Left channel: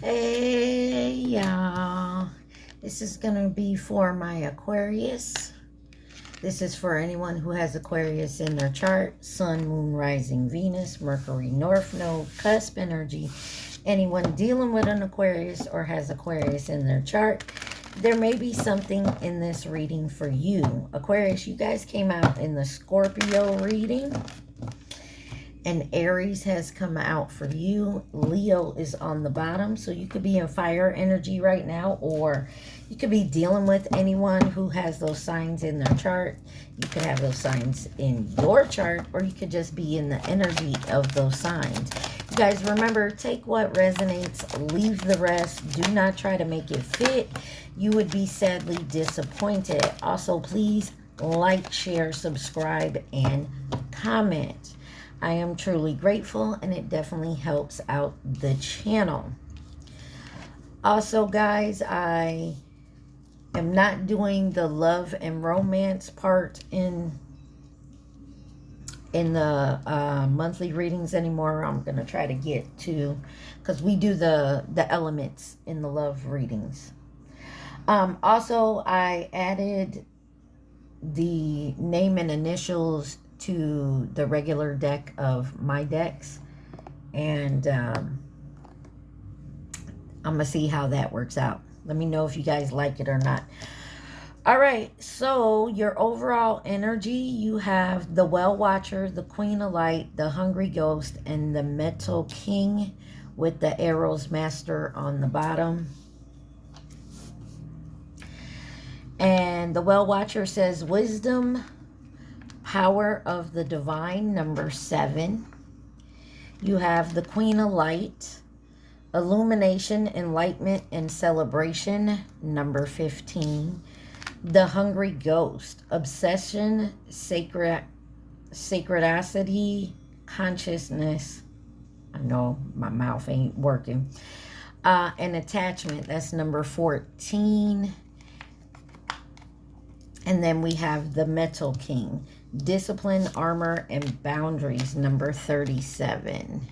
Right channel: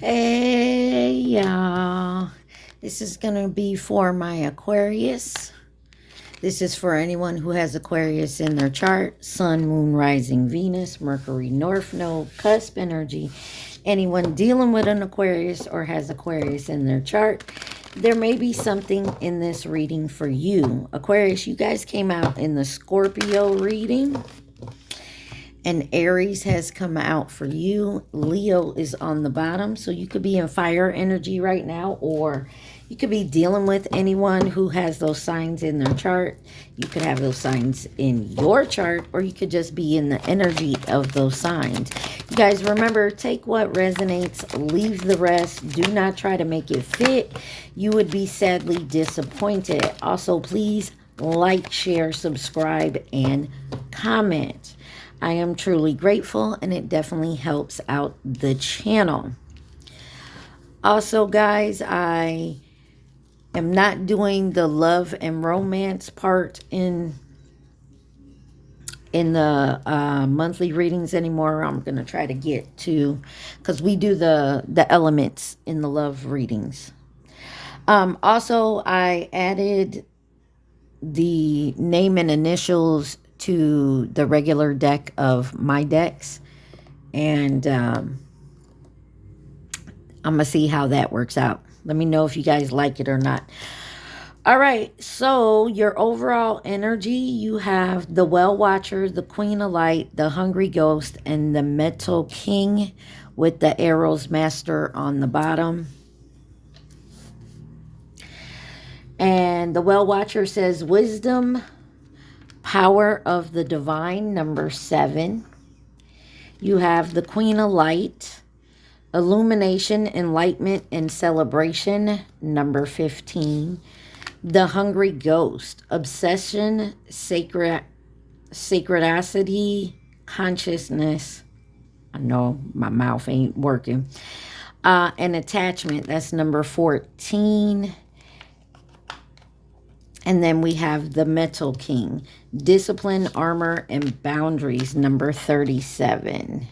Hey y'all, this is gonna be for my Aquarius. This is for anyone who has Aquarius in their chart: Sun, Moon, Rising, Venus, Mercury, North Node, cusp energy. Anyone dealing with an Aquarius or has Aquarius in their chart, there may be something in this reading for you. Aquarius, you guys came out in the Scorpio reading. And Aries has come out for you. Leo is on the bottom. So you could be in fire energy right now, or you could be dealing with anyone who has those signs in their chart. You could have those signs in your chart, or you could just be in the energy of those signs. You guys remember, take what resonates, leave the rest. Do not try to make it fit. You would be sadly disappointed. Also, please like, share, subscribe, and comment. I am truly grateful, and it definitely helps out the channel. Also, guys, I am not doing the love and romance part in the monthly readings anymore. I'm going to try to get to, because we do the elements in the love readings. Also, I added the name and initials to the regular deck of my decks, and I'm gonna see how that works out. Let me know if you guys like it or not. All right, so your overall energy, you have the Well Watcher, the Queen of Light, the Hungry Ghost, and the Metal King with the Arrows Master on the bottom. And the Well Watcher says wisdom, power of the divine, number 7. You have the Queen of Light, illumination, enlightenment, and celebration, number 15. The Hungry Ghost, obsession, sacredicity, consciousness. I know my mouth ain't working. And attachment, that's number 14. And then we have the Metal King, discipline, armor, and boundaries, number 37.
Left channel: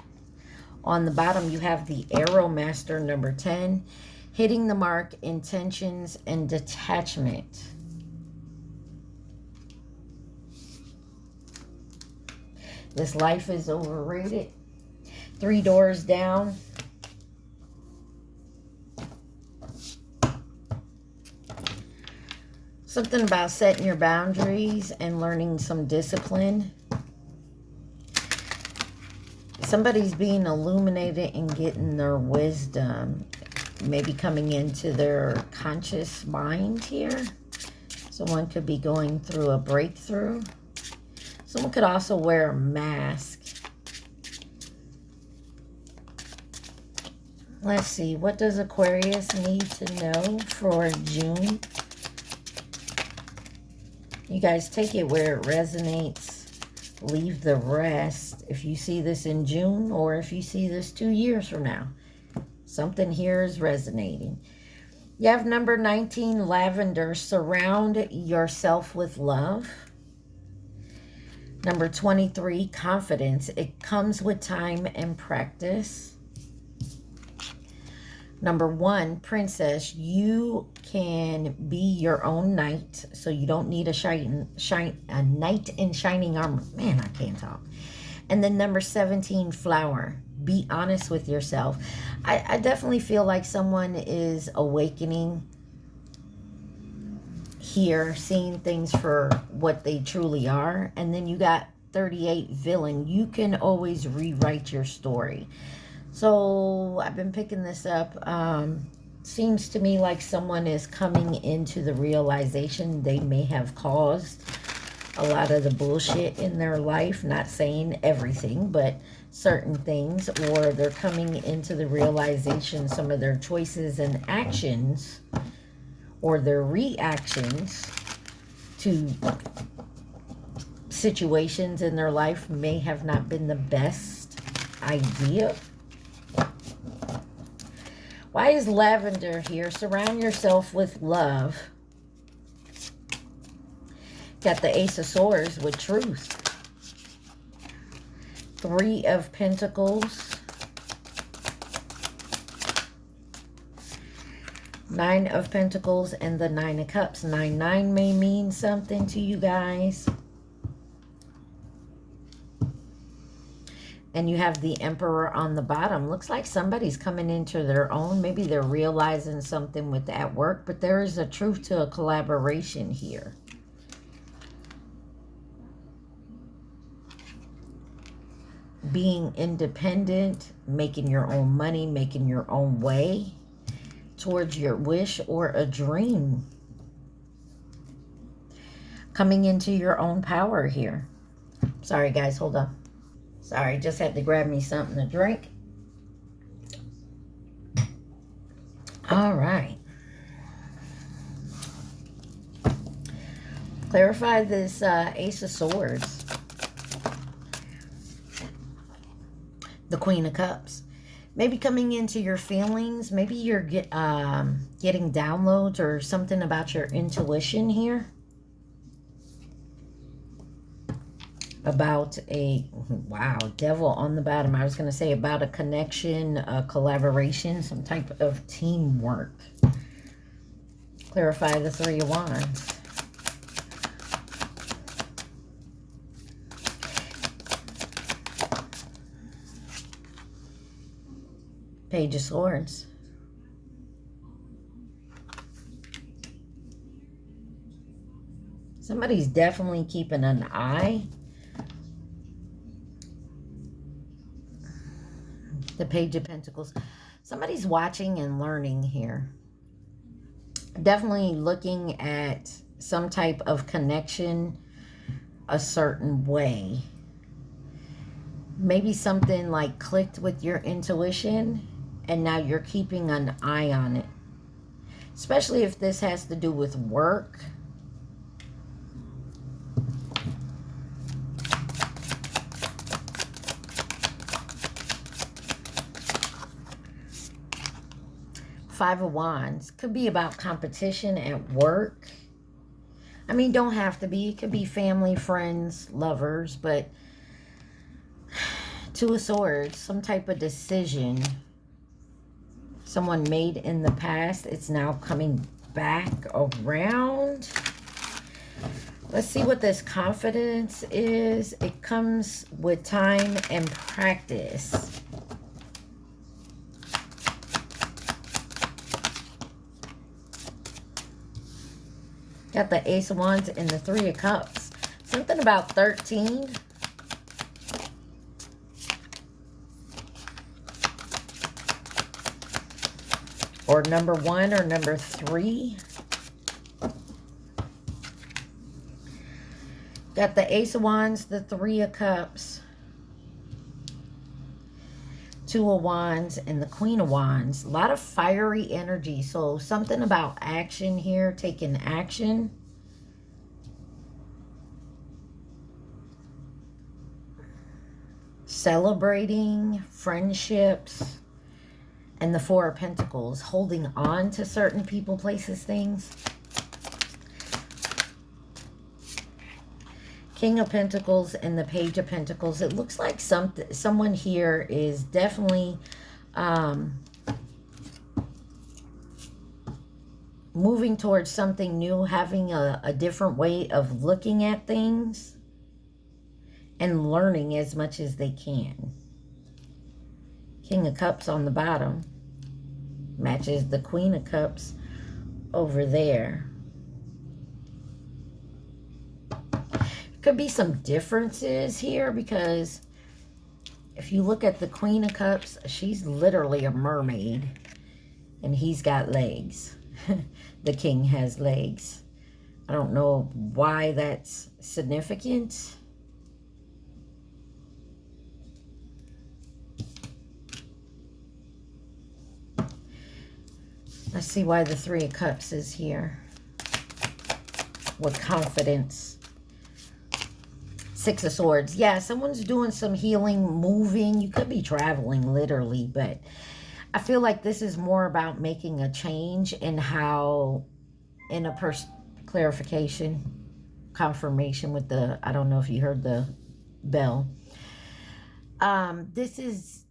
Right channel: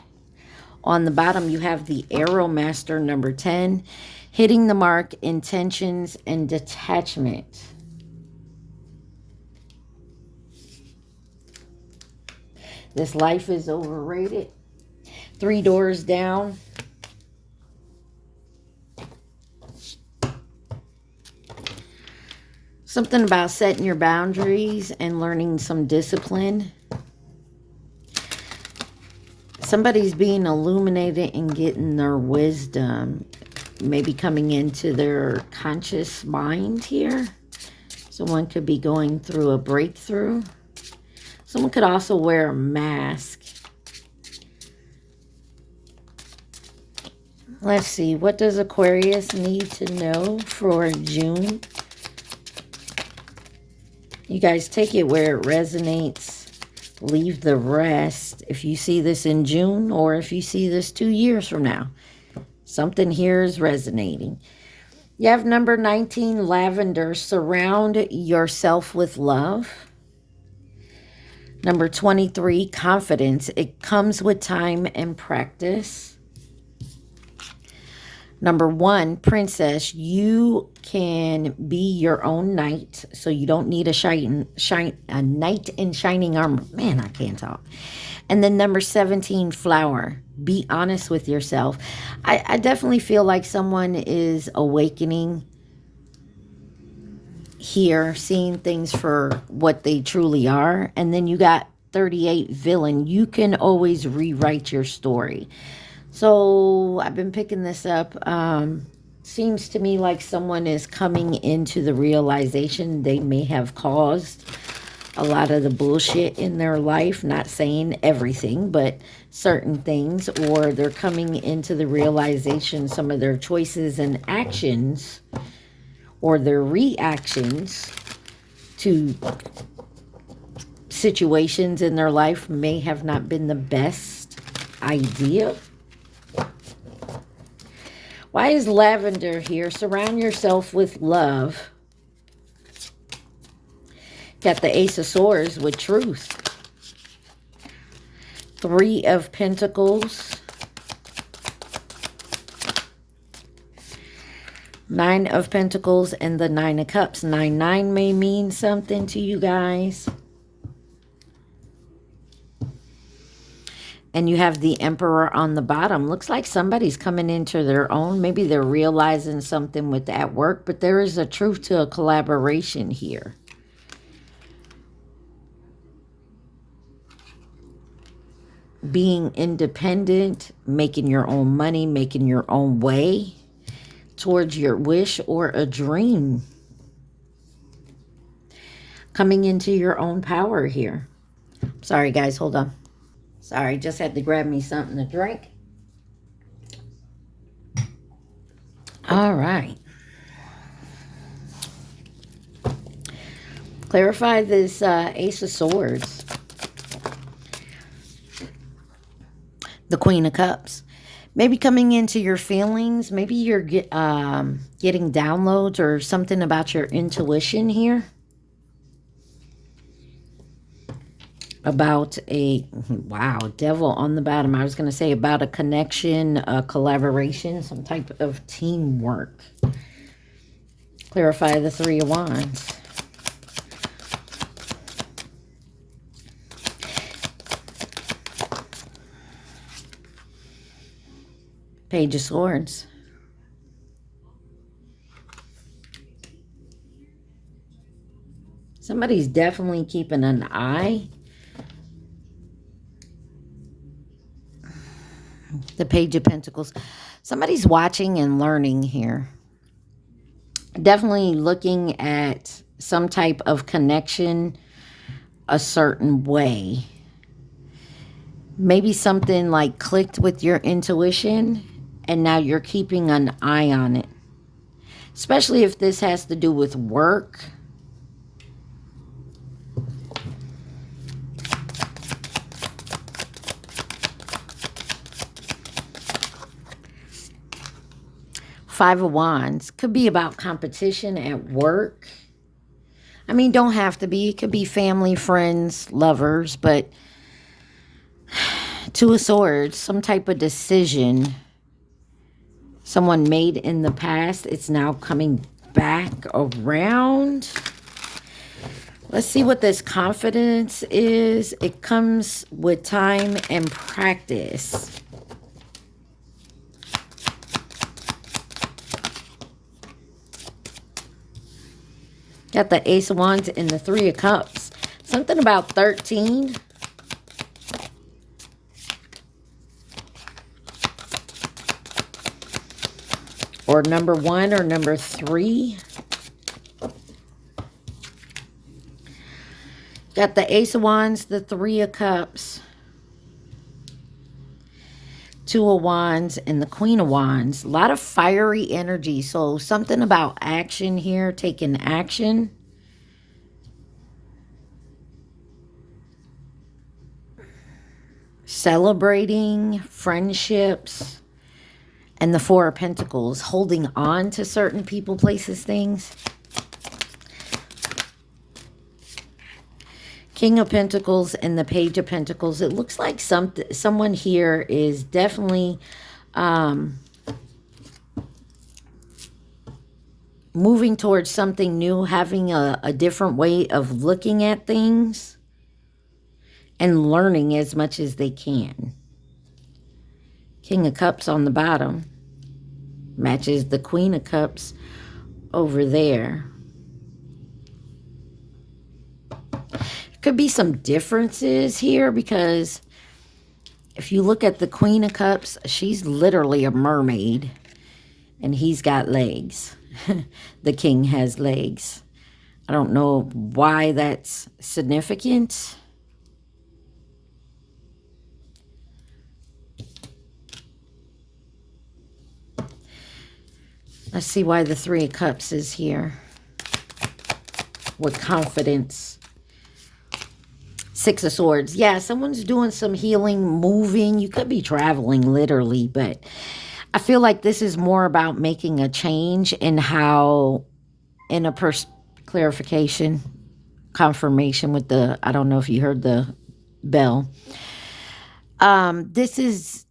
On the bottom, you have the Arrow Master, number 10, hitting the mark, intentions, and detachment. This life is overrated. 3 doors down. Something about setting your boundaries and learning some discipline. Somebody's being illuminated and getting their wisdom. Maybe coming into their conscious mind here. Someone could be going through a breakthrough. Someone could also wear a mask. Let's see. What does Aquarius need to know for June? You guys take it where it resonates. Leave the rest. If you see this in June, or if you see this 2 years from now, something here is resonating. You have number 19, lavender. Surround yourself with love. Number 23, confidence. It comes with time and practice. Number 1, princess, you can be your own knight, so you don't need a knight in shining armor. Man, I can't talk. And then number 17, flower, be honest with yourself. I definitely feel like someone is awakening here, seeing things for what they truly are. And then you got 38, villain. You can always rewrite your story. So I've been picking this up. Seems to me like someone is coming into the realization they may have caused a lot of the bullshit in their life. Not saying everything, but certain things. Or they're coming into the realization some of their choices and actions, or their reactions to situations in their life, may have not been the best idea. Why is lavender here? Surround yourself with love. Got the Ace of Swords with truth. 3 of Pentacles. Nine of Pentacles and the Nine of Cups. 9-9 may mean something to you guys. And you have the Emperor on the bottom. Looks like somebody's coming into their own. Maybe they're realizing something with at work, but there is a truth to a collaboration here. Being independent, making your own money, making your own way towards your wish or a dream. Coming into your own power here. Sorry guys, hold on. Sorry, just had to grab me something to drink. All right. Clarify this Ace of Swords. The Queen of Cups. Maybe coming into your feelings. Maybe you're getting downloads or something about your intuition here. About a, wow, Devil on the bottom. I was going to say about a connection, a collaboration, some type of teamwork. Clarify the Three of Wands. Page of Swords. Somebody's definitely keeping an eye. The Page of Pentacles. Somebody's watching and learning here. Definitely looking at some type of connection a certain way. Maybe something like clicked with your intuition and now you're keeping an eye on it. Especially if this has to do with work. Five of Wands. Could be about competition at work. I mean, don't have to be. It could be family, friends, lovers. But Two of Swords. Some type of decision someone made in the past. It's now coming back around. Let's see what this confidence is. It comes with time and practice. Got the Ace of Wands and the Three of Cups. Something about 13. Or number 1 or number 3. Got the Ace of Wands, the Three of Cups, Two of Wands, and the Queen of Wands. A lot of fiery energy. So something about action here, taking action. Celebrating friendships. And the Four of Pentacles, holding on to certain people, places, things. King of Pentacles and the Page of Pentacles. It looks like someone here is definitely moving towards something new, having a different way of looking at things and learning as much as they can. King of Cups on the bottom matches the Queen of Cups over there. Could be some differences here because if you look at the Queen of Cups, she's literally a mermaid and he's got legs. The King has legs. I don't know why that's significant. Let's see why the Three of Cups is here with confidence. Six of Swords. Yeah, someone's doing some healing, moving. You could be traveling literally, but I feel like this is more about making a change in how, in a clarification, confirmation with the, I don't know if you heard the bell. This is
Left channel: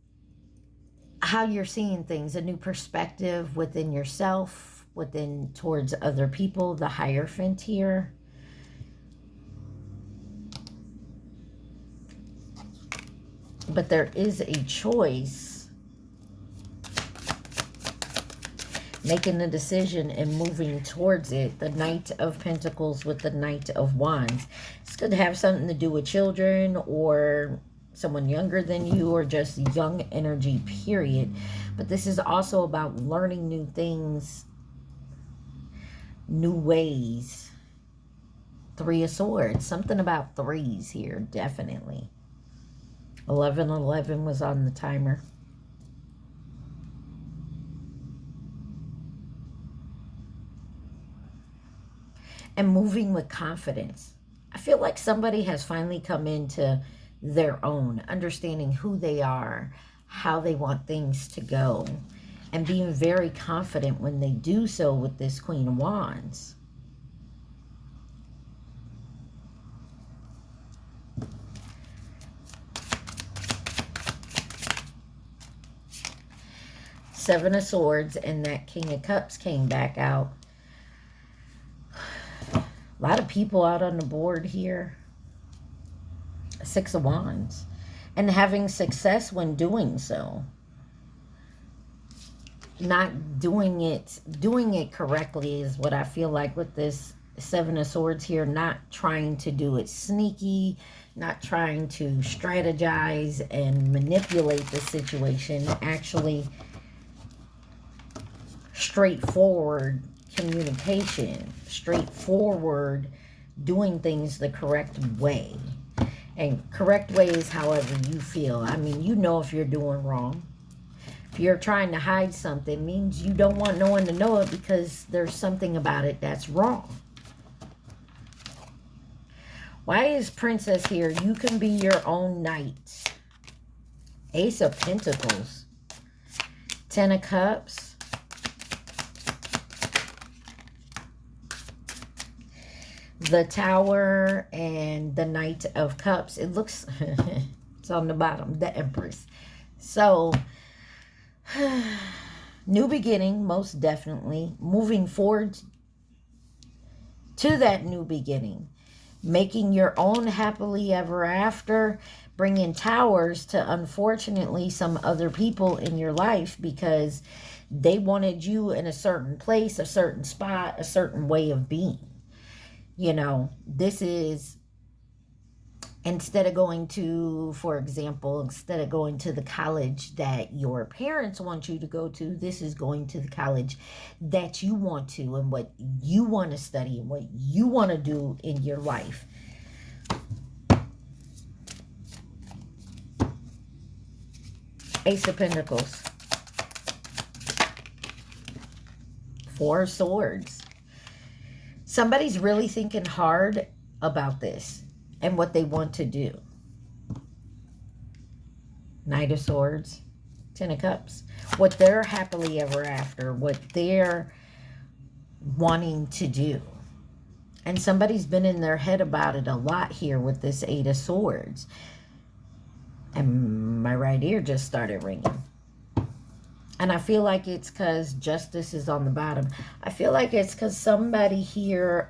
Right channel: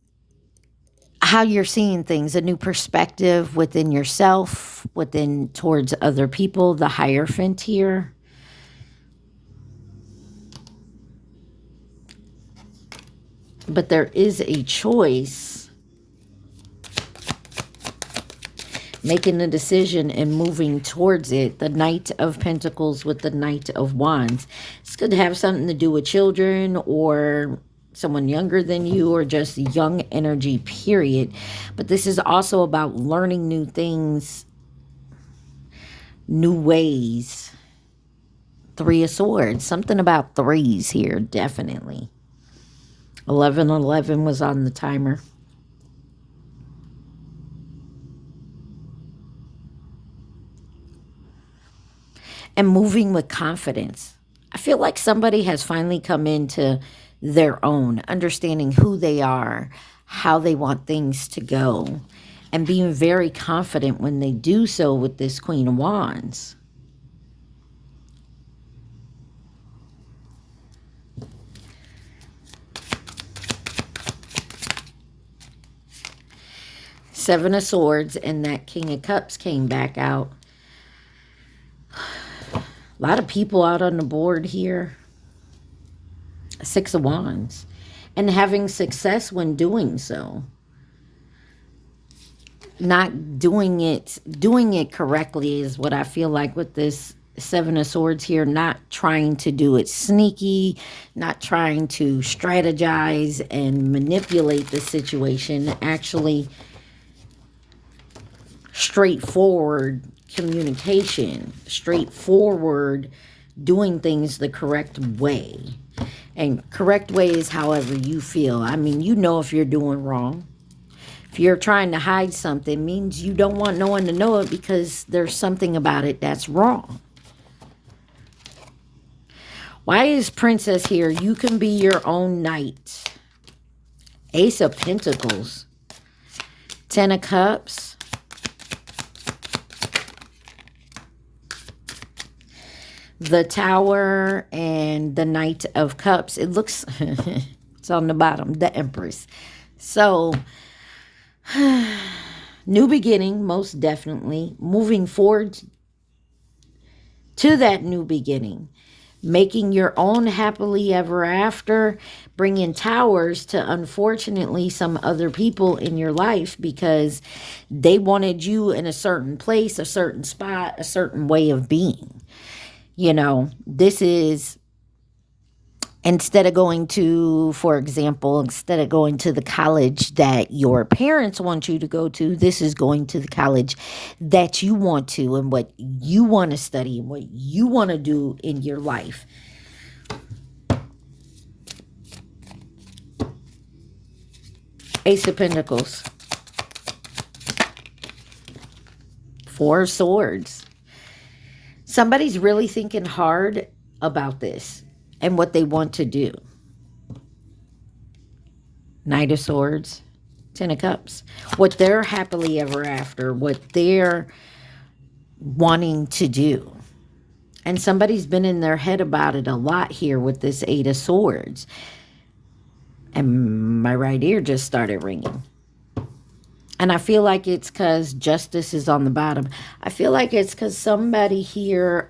how you're seeing things, a new perspective within yourself, within towards other people, the Hierophant here. But there is a choice, making a decision and moving towards it. The Knight of Pentacles with the Knight of Wands. It's going to have something to do with children or someone younger than you, or just young energy, period. But this is also about learning new things, new ways. Three of Swords. Something about threes here, definitely. 1111 was on the timer. And moving with confidence. I feel like somebody has finally come into their own, understanding who they are, how they want things to go, and being very confident when they do so with this Queen of Wands. Seven of Swords and that King of Cups came back out. A lot of people out on the board here. Six of Wands. And having success when doing so. Not doing it correctly is what I feel like with this Seven of Swords here. Not trying to do it sneaky. Not trying to strategize and manipulate the situation. Actually, straightforward communication. Straightforward doing things the correct way. And correct way is however you feel. I mean, you know if you're doing wrong. If you're trying to hide something, it means you don't want no one to know it because there's something about it that's wrong. Why is Princess here? You can be your own knight. Ace of Pentacles. Ten of Cups. The Tower and the Knight of Cups. It looks, it's on the bottom, the Empress. So, new beginning, most definitely. Moving forward to that new beginning. Making your own happily ever after. Bringing towers to, unfortunately, some other people in your life because they wanted you in a certain place, a certain spot, a certain way of being. You know, this is, instead of going to, for example, instead of going to the college that your parents want you to go to, this is going to the college that you want to and what you want to study and what you want to do in your life. Ace of Pentacles. Four of Swords. Somebody's really thinking hard about this and what they want to do. Knight of Swords, Ten of Cups. What they're happily ever after, what they're wanting to do. And somebody's been in their head about it a lot here with this Eight of Swords. And my right ear just started ringing. And I feel like it's because Justice is on the bottom. I feel like it's because somebody here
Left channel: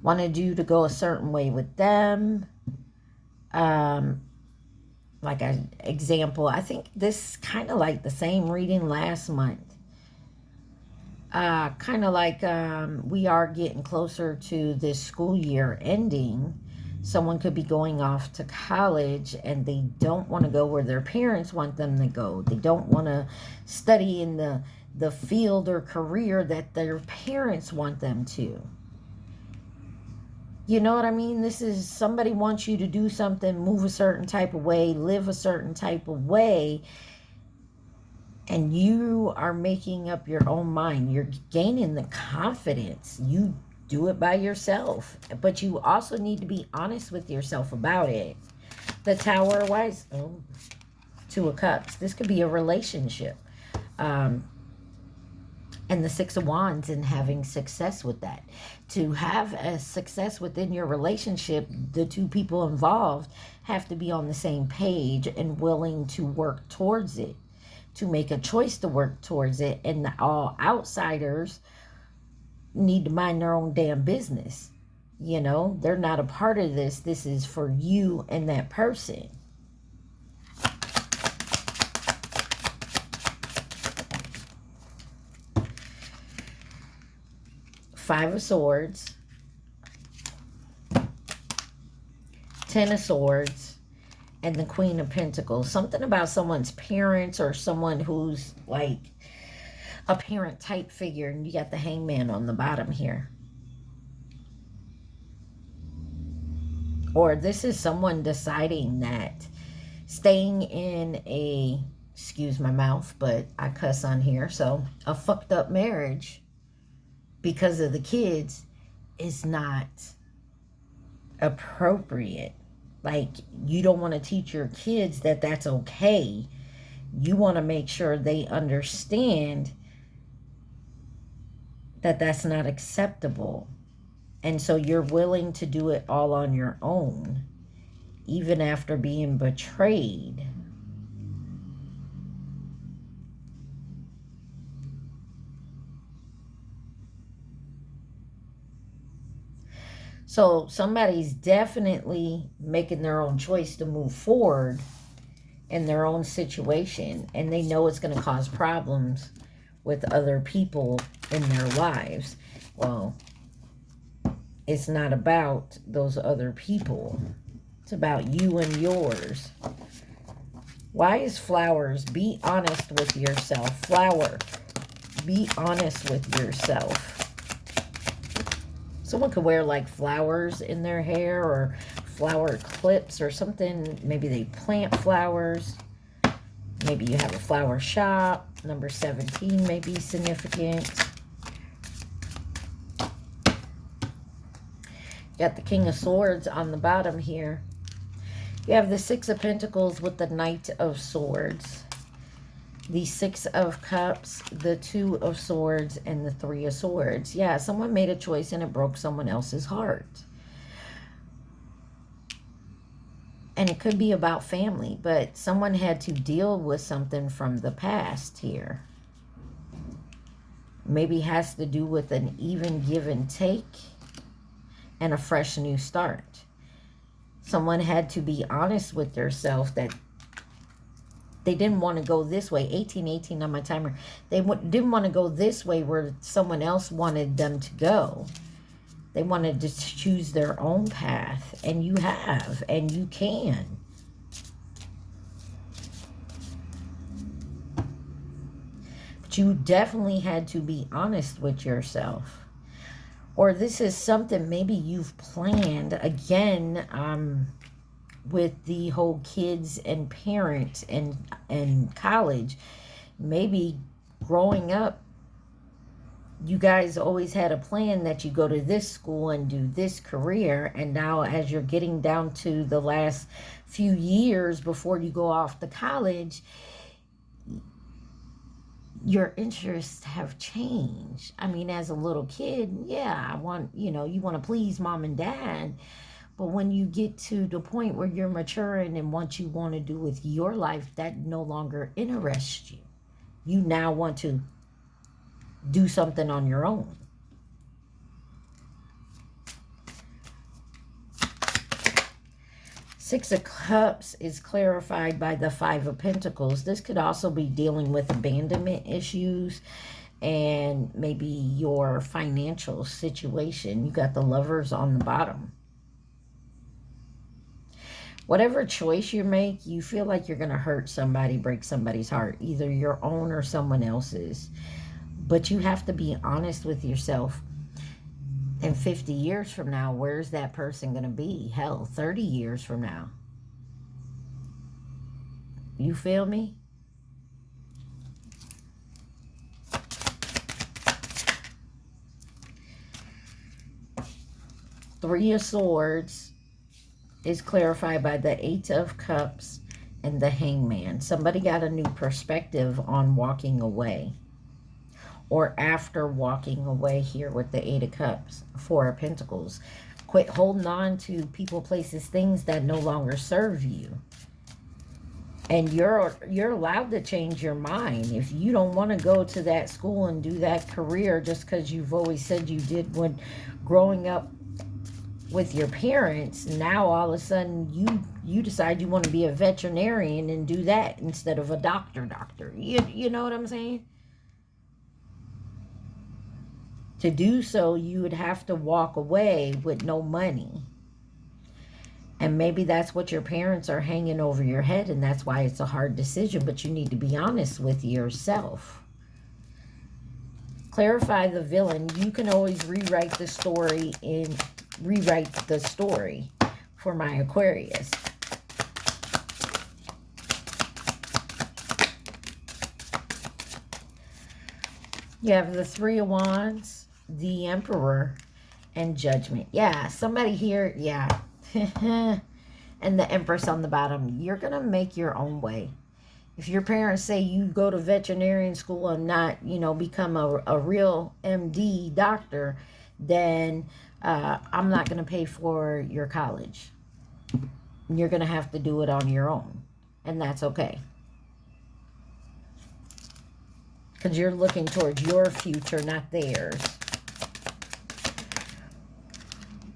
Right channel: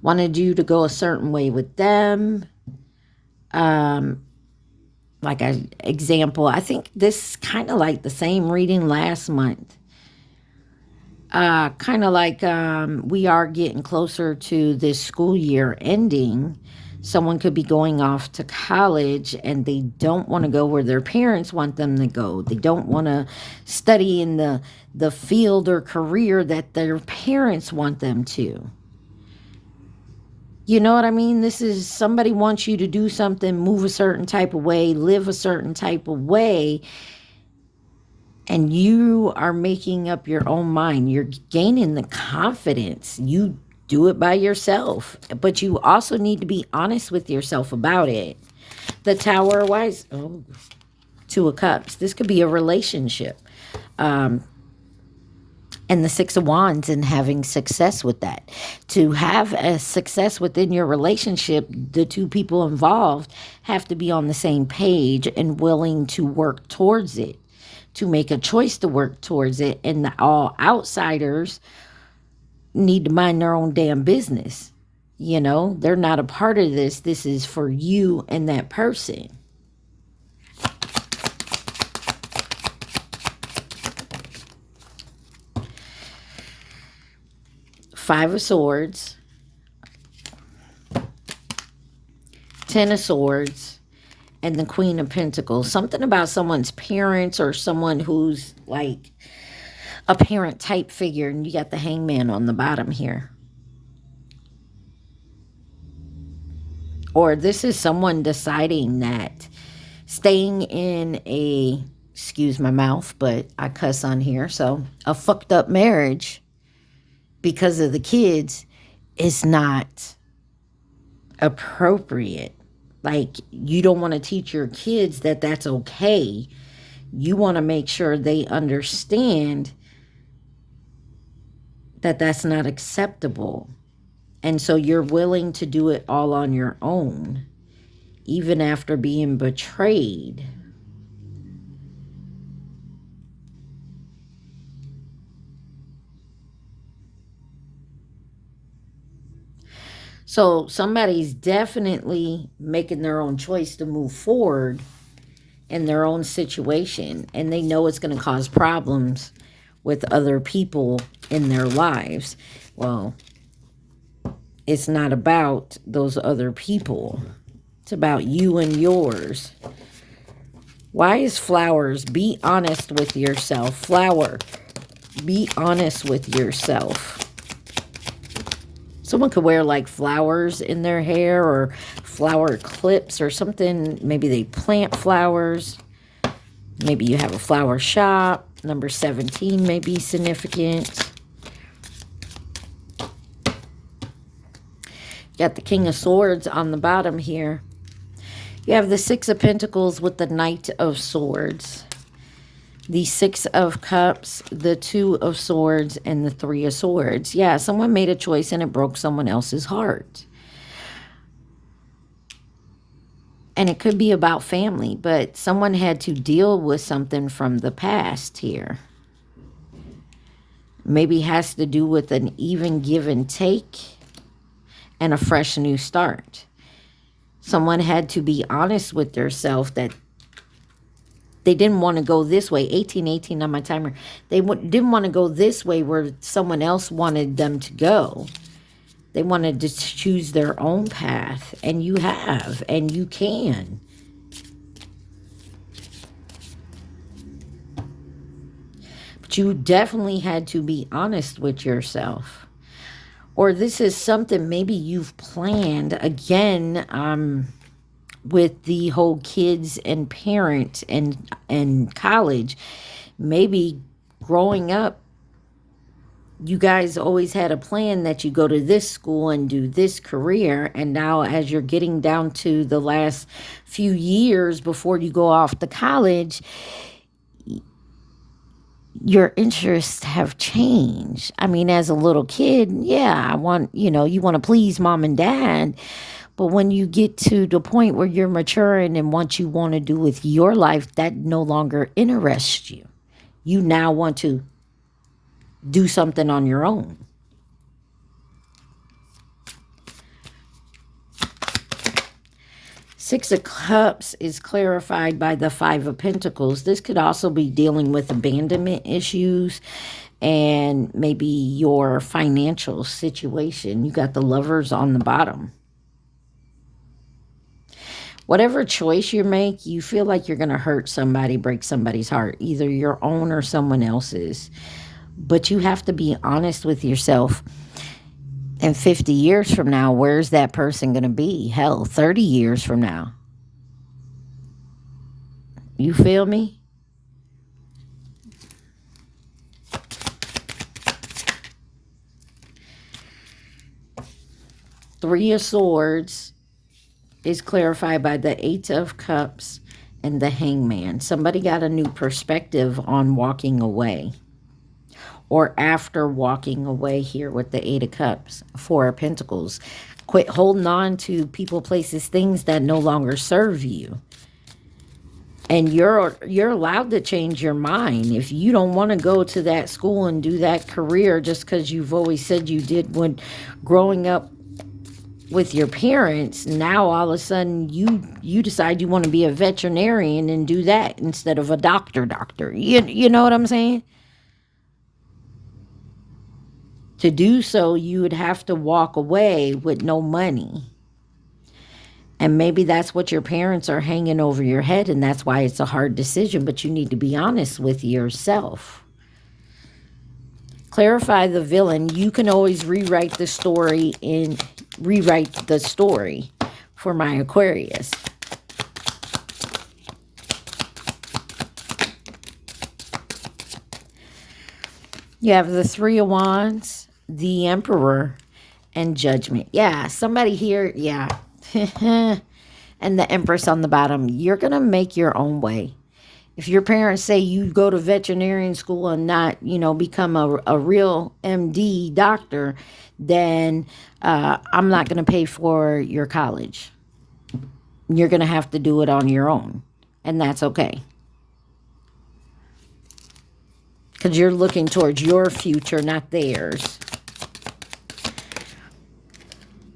wanted you to go a certain way with them. Like an example, I think this is kind of like the same reading last month. Kind of like we are getting closer to this school year ending. Someone could be going off to college and they don't want to go where their parents want them to go. They don't want to study in the field or career that their parents want them to. You know what I mean? This is somebody wants you to do something, move a certain type of way, live a certain type of way. And you are making up your own mind. You're gaining the confidence. You do it by yourself, but you also need to be honest with yourself about it. The Tower, wise, oh, Two of Cups. This could be a relationship. And the Six of Wands and having success with that. To have a success within your relationship, the two people involved have to be on the same page and willing to work towards it, to make a choice to work towards it. And all outsiders need to mind their own damn business. You know, they're not a part of this. This is for you and that person. Five of Swords, Ten of Swords, and the Queen of Pentacles. Something about someone's parents or someone who's like a parent type figure. And you got the Hangman on the bottom here. Or this is someone deciding that staying in a, excuse my mouth, but I cuss on here, so a fucked up marriage because of the kids is not appropriate. Like, you don't want to teach your kids that that's okay. You want to make sure they understand that that's not acceptable. And so you're willing to do it all on your own, even after being betrayed. So somebody's definitely making their own choice to move forward in their own situation. And they know it's going to cause problems with other people in their lives. Well, it's not about those other people. It's about you and yours. Why is flowers? Be honest with yourself. Flower, be honest with yourself. Someone could wear like flowers in their hair or flower clips or something. Maybe they plant flowers. Maybe you have a flower shop. Number 17 may be significant. You got the King of Swords on the bottom here. You have the Six of Pentacles with the Knight of Swords. The Six of Cups, the Two of Swords, and the Three of Swords. Yeah, someone made a choice and it broke someone else's heart. And it could be about family, but someone had to deal with something from the past here. Maybe has to do with an even give and take and a fresh new start. Someone had to be honest with themselves that they didn't want to go this way. 1818 on my timer. They didn't want to go this way where someone else wanted them to go. They wanted to choose their own path. And you have. And you can. But you definitely had to be honest with yourself. Or this is something maybe you've planned. Again, with the whole kids and parents and college, maybe growing up, you guys always had a plan that you go to this school and do this career. And now as you're getting down to the last few years before you go off to college, your interests have changed. I mean, as a little kid, yeah, I want, you want to please mom and dad. But when you get to the point where you're maturing and what you want to do with your life, that no longer interests you. You now want to do something on your own. Six of Cups is clarified by the Five of Pentacles. This could also be dealing with abandonment issues and maybe your financial situation. You got the Lovers on the bottom. Whatever choice you make, you feel like you're going to hurt somebody, break somebody's heart, either your own or someone else's. But you have to be honest with yourself. And 50 years from now, where's that person going to be? Hell, 30 years from now. You feel me? Three of Swords is clarified by the Eight of Cups and the Hangman. Somebody got a new perspective on walking away. or after walking away here with the Eight of Cups, Four of Pentacles. Quit holding on to people, places, things that no longer serve you. And you're allowed to change your mind. If you don't want to go to that school and do that career just because you've always said you did when growing up with your parents, now all of a sudden you decide you want to be a veterinarian and do that instead of a doctor. You know what I'm saying? To do so, you would have to walk away with no money. And maybe that's what your parents are hanging over your head, and that's why it's a hard decision, but you need to be honest with yourself. Clarify the villain. You can always rewrite the story for my Aquarius. You have the Three of Wands, the Emperor, and Judgment. Yeah, somebody here, yeah. And the Empress on the bottom. You're going to make your own way. If your parents say you go to veterinarian school and not, you know, become a real MD doctor, then I'm not going to pay for your college. You're going to have to do it on your own. And that's okay. Because you're looking towards your future, not theirs.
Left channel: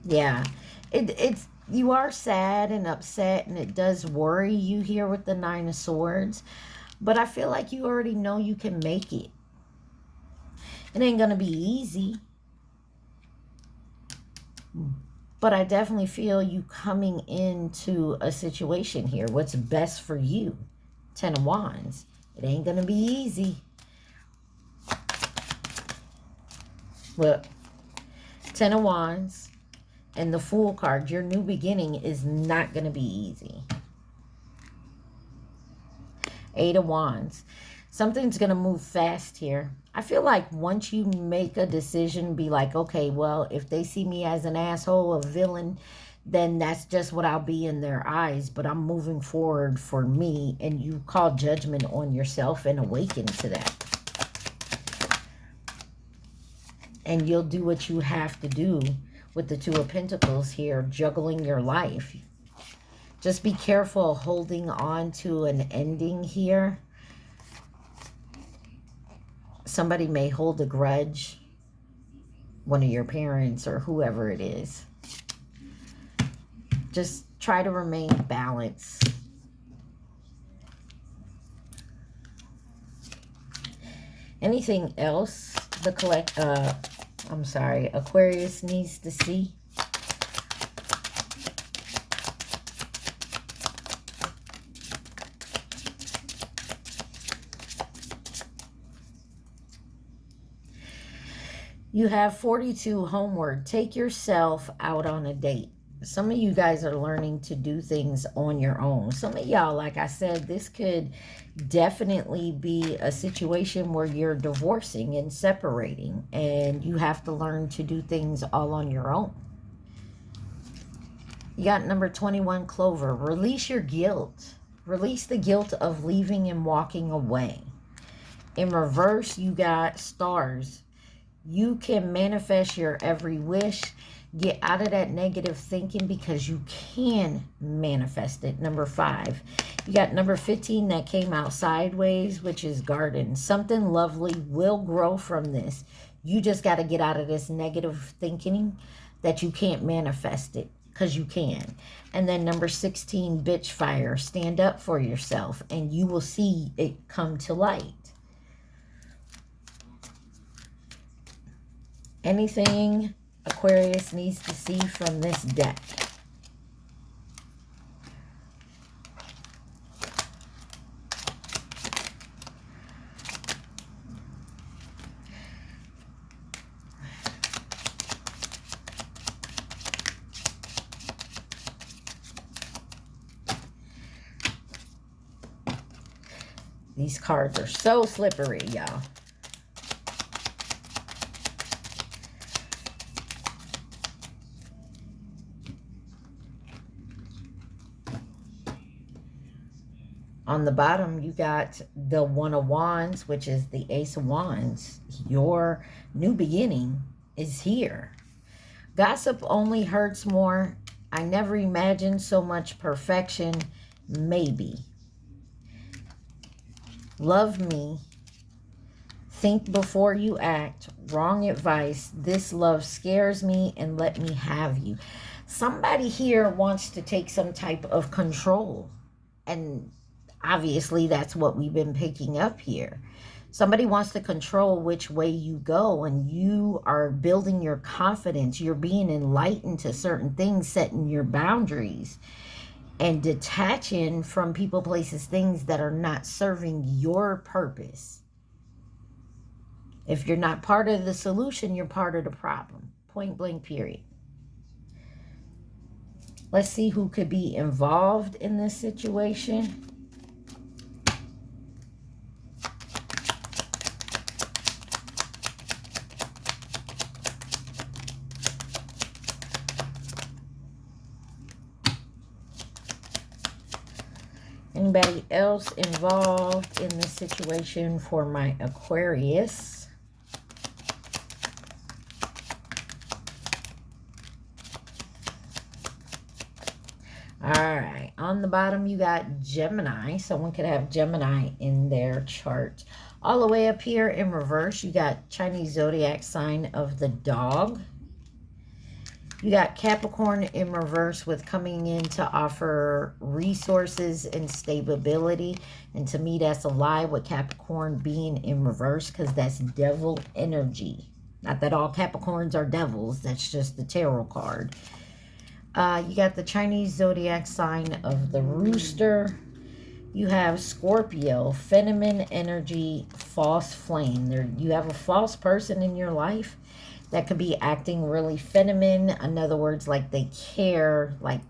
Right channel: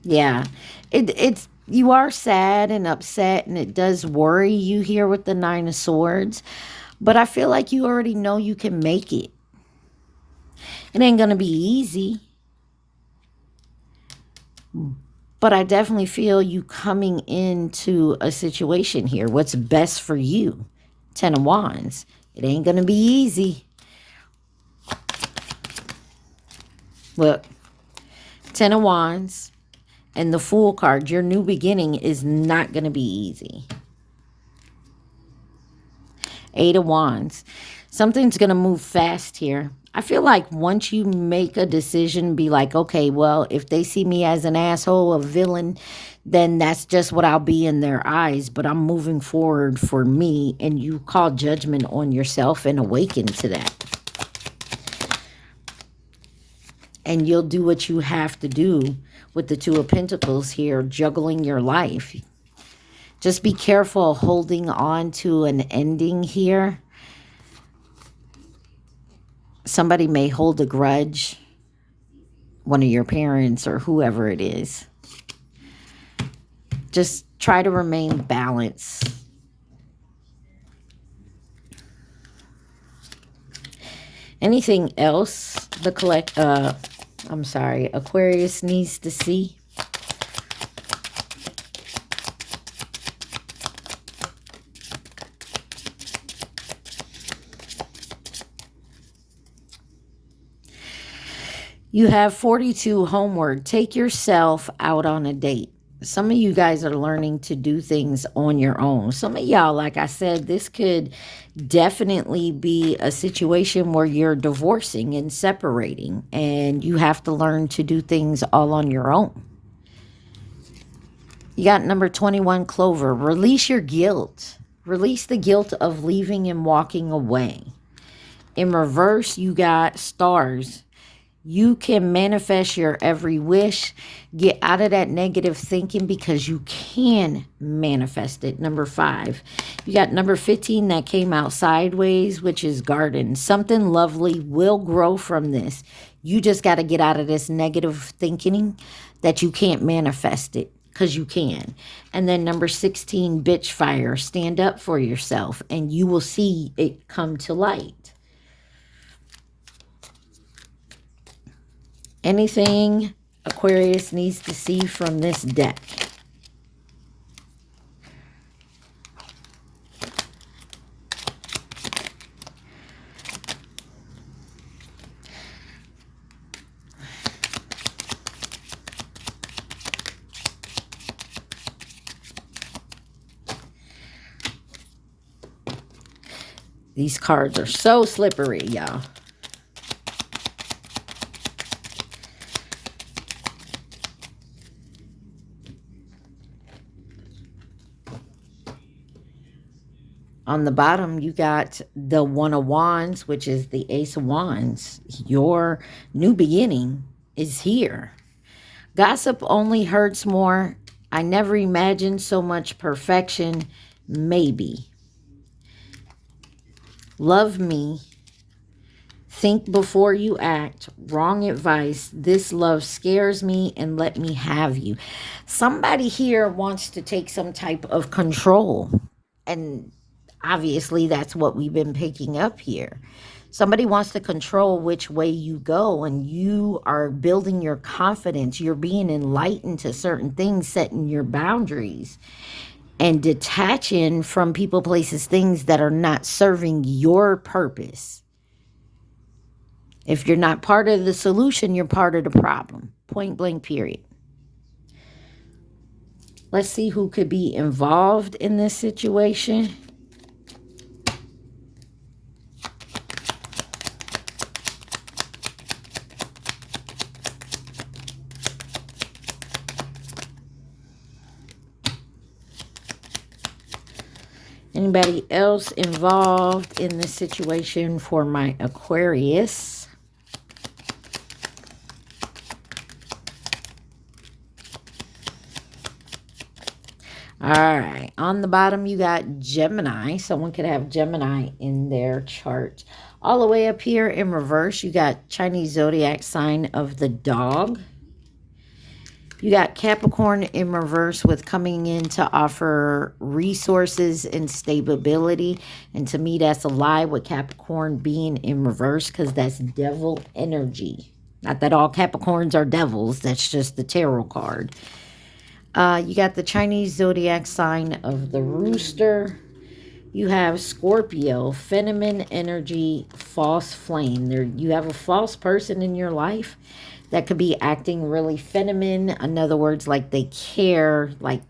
Yeah. You are sad and upset, and it does worry you here with the Nine of Swords. But I feel like you already know you can make it. It ain't going to be easy. But I definitely feel you coming into a situation here. What's best for you? Ten of Wands. It ain't going to be easy. Look. Ten of Wands. And the Fool card, your new beginning is not going to be easy. Eight of Wands. Something's going to move fast here. I feel like once you make a decision, be like, okay, well, if they see me as an asshole, a villain, then that's just what I'll be in their eyes. But I'm moving forward for me, and you call judgment on yourself and awaken to that. And you'll do what you have to do with the Two of Pentacles here, juggling your life. Just be careful holding on to an ending here. Somebody may hold a grudge, one of your parents or whoever it is. Just try to remain balanced. Anything else Aquarius needs to see? You have 42 homeward. Take yourself out on a date. Some of you guys are learning to do things on your own. Some of y'all, like I said, this could definitely be a situation where you're divorcing and separating, and you have to learn to do things all on your own. You got number 21, Clover. Release your guilt. Release the guilt of leaving and walking away. In reverse, you got Stars. You can manifest your every wish. Get out of that negative thinking because you can manifest it. Number 5. You got number 15 that came out sideways, which is Garden. Something lovely will grow from this. You just got to get out of this negative thinking that you can't manifest it, because you can. And then number 16, Bitch Fire. Stand up for yourself and you will see it come to light. Anything Aquarius needs to see from this deck? These cards are so slippery, y'all. On the bottom, you got the One of Wands, which is the Ace of Wands. Your new beginning is here. Gossip only hurts more. I never imagined so much perfection. Maybe. Love me. Think before you act. Wrong advice. This love scares me and let me have you. Somebody here wants to take some type of control. And obviously that's what we've been picking up here. Somebody wants to control which way you go, and you are building your confidence. You're being enlightened to certain things, setting your boundaries, and detaching from people, places, things that are not serving your purpose. If you're not part of the solution, you're part of the problem. Point blank, period. Let's see who could be involved in this situation. Anybody else involved in this situation for my Aquarius? All right, on the bottom, you got Gemini. Someone could have Gemini in their chart. All the way up here in reverse, you got Chinese zodiac sign of the dog. You got Capricorn in reverse with coming in to offer resources and stability. And to me, that's a lie with Capricorn being in reverse, because that's devil energy. Not that all Capricorns are devils. That's just the tarot card. You got the Chinese zodiac sign of the rooster. You have Scorpio, feminine energy, false flame. You have a false person in your life that could be acting really feminine. In other words, like they care, like,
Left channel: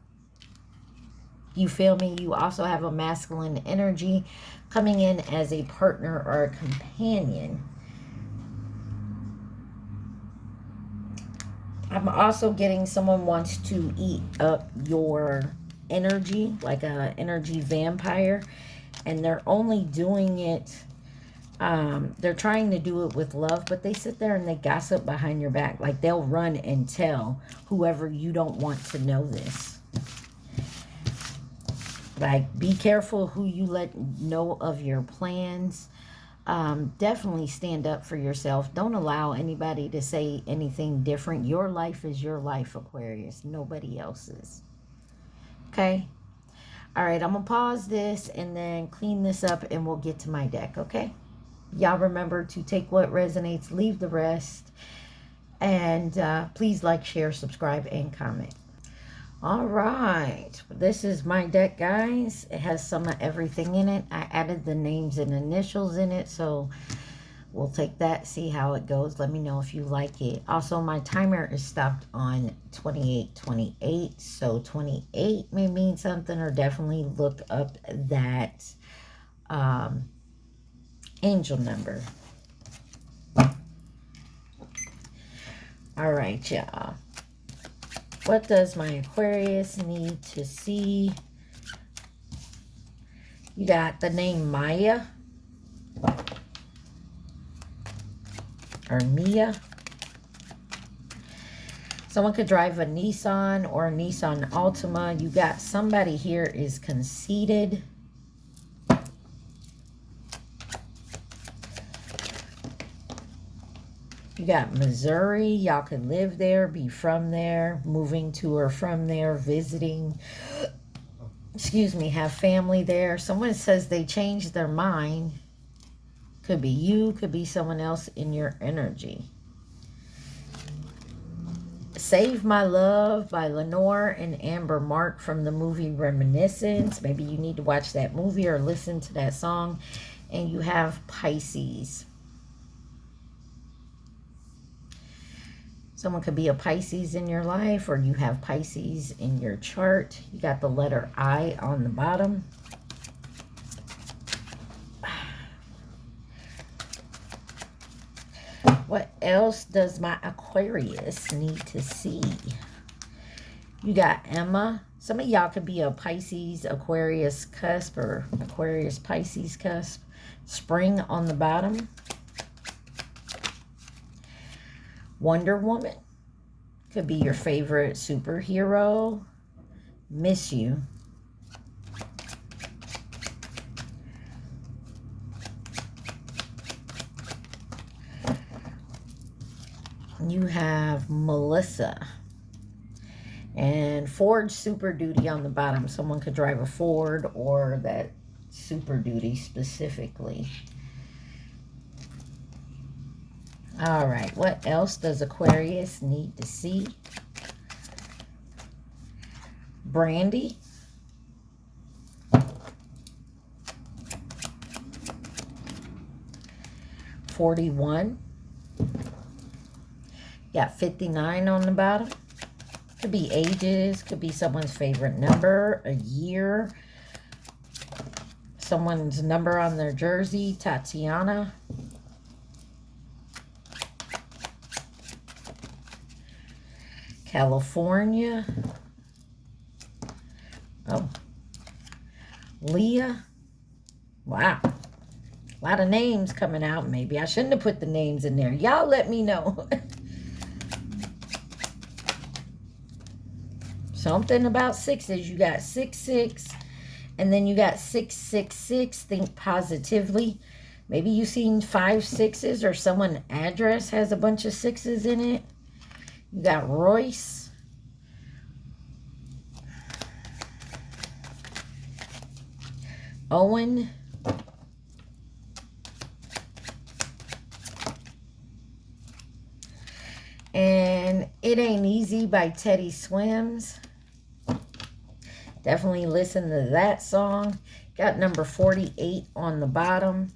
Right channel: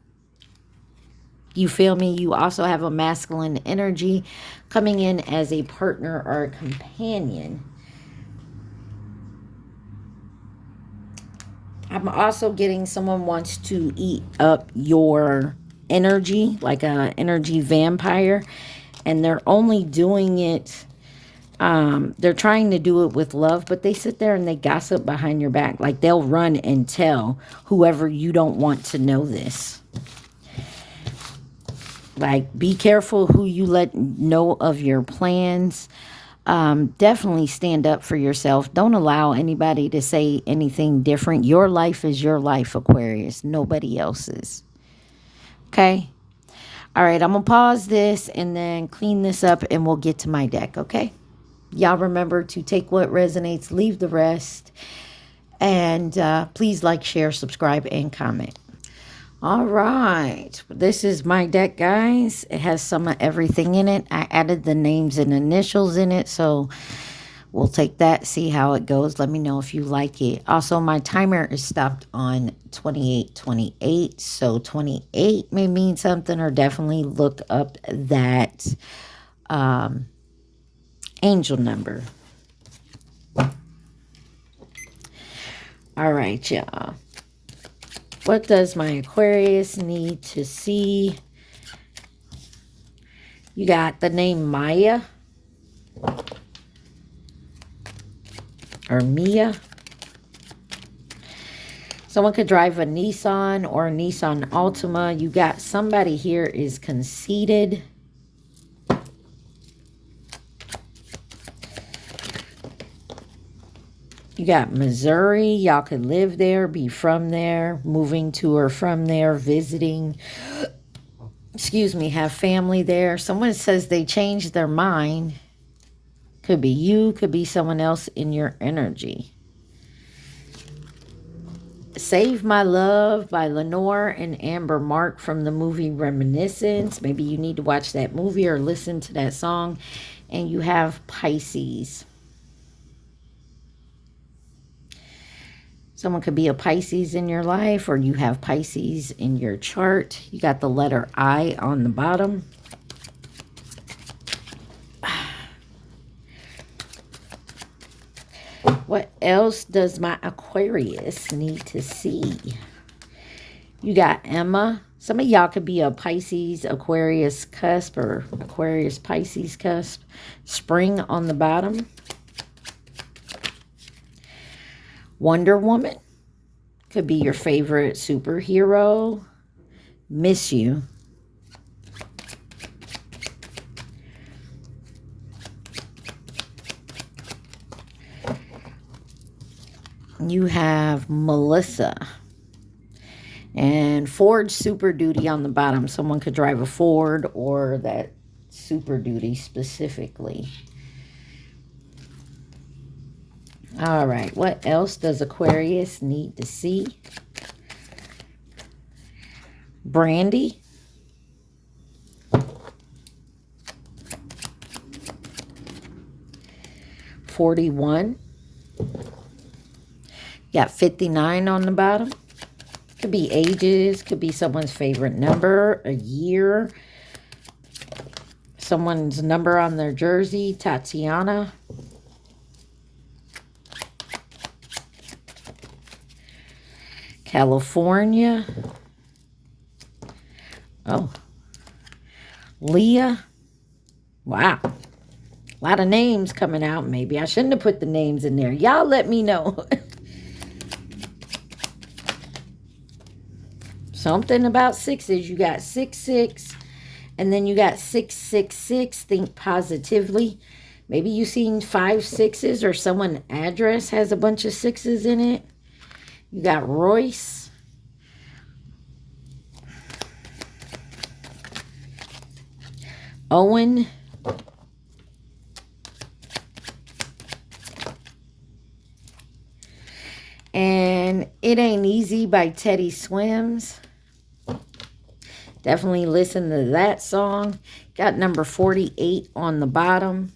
you feel me? You also have a masculine energy coming in as a partner or a companion. I'm also getting someone wants to eat up your energy, like an energy vampire, and they're only doing it, they're trying to do it with love, but they sit there and they gossip behind your back. Like they'll run and tell whoever you don't want to know this. Like, be careful who you let know of your plans. Definitely stand up for yourself. Don't allow anybody to say anything different. Your life is your life, Aquarius. Nobody else's. Okay? All right, I'm going to pause this and then clean this up and we'll get to my deck, okay? Y'all remember to take what resonates, leave the rest. And please like, share, subscribe, and comment. All right, this is my deck, guys. It has some of everything in it. I added the names and initials in it, so we'll take that, see how it goes. Let me know if you like it. Also, my timer is stopped on 2828, so 28 may mean something, or definitely look up that angel number. All right, y'all. What does my Aquarius need to see? You got the name Maya or Mia. Someone could drive a Nissan or a Nissan Altima. You got somebody here is conceited. You got Missouri. Y'all could live there, be from there, moving to or from there, visiting. Excuse me, have family there. Someone says they changed their mind. Could be you, could be someone else in your energy. Save My Love by Lenore and Amber Mark from the movie Reminiscence. Maybe you need to watch that movie or listen to that song. And you have Pisces. Someone could be a Pisces in your life, or you have Pisces in your chart. You got the letter I on the bottom. What else does my Aquarius need to see? You got Emma, Some of y'all could be a Pisces, Aquarius cusp, or Aquarius Pisces cusp. Spring on the bottom. Wonder Woman could be your favorite superhero. Miss you. You have Melissa. And Ford Super Duty on the bottom. Someone could drive a Ford or that Super Duty specifically. All right, what else does Aquarius need to see? Brandy. $41. Got 59 on the bottom. Could be ages, could be someone's favorite number, a year, someone's number on their jersey. Tatiana. California. Oh. Leah. Wow. A lot of names coming out. Maybe I shouldn't have put the names in there. Y'all let me know. Something about sixes. You got 66, and then you got 666. Think positively. Maybe you seen 5 6s, or someone's address has a bunch of 6s in it. You got Royce. Owen. And It Ain't Easy by Teddy Swims. Definitely listen to that song. Got number 48 on the bottom.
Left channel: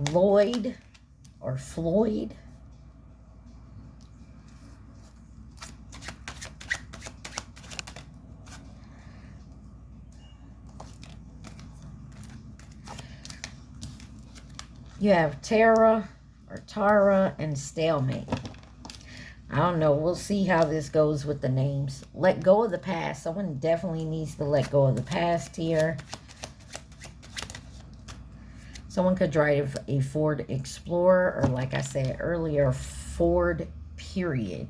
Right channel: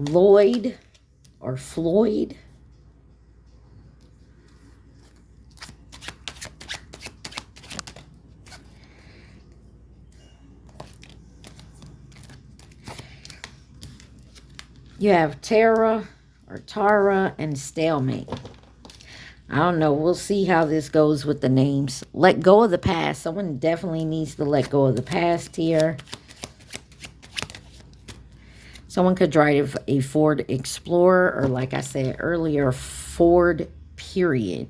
Lloyd or Floyd. You have Tara or Tara and Stalemate. I don't know. We'll see how this goes with the names. Let go of the past. Someone definitely needs to let go of the past here. Someone could drive a Ford Explorer, or like I said earlier, Ford period.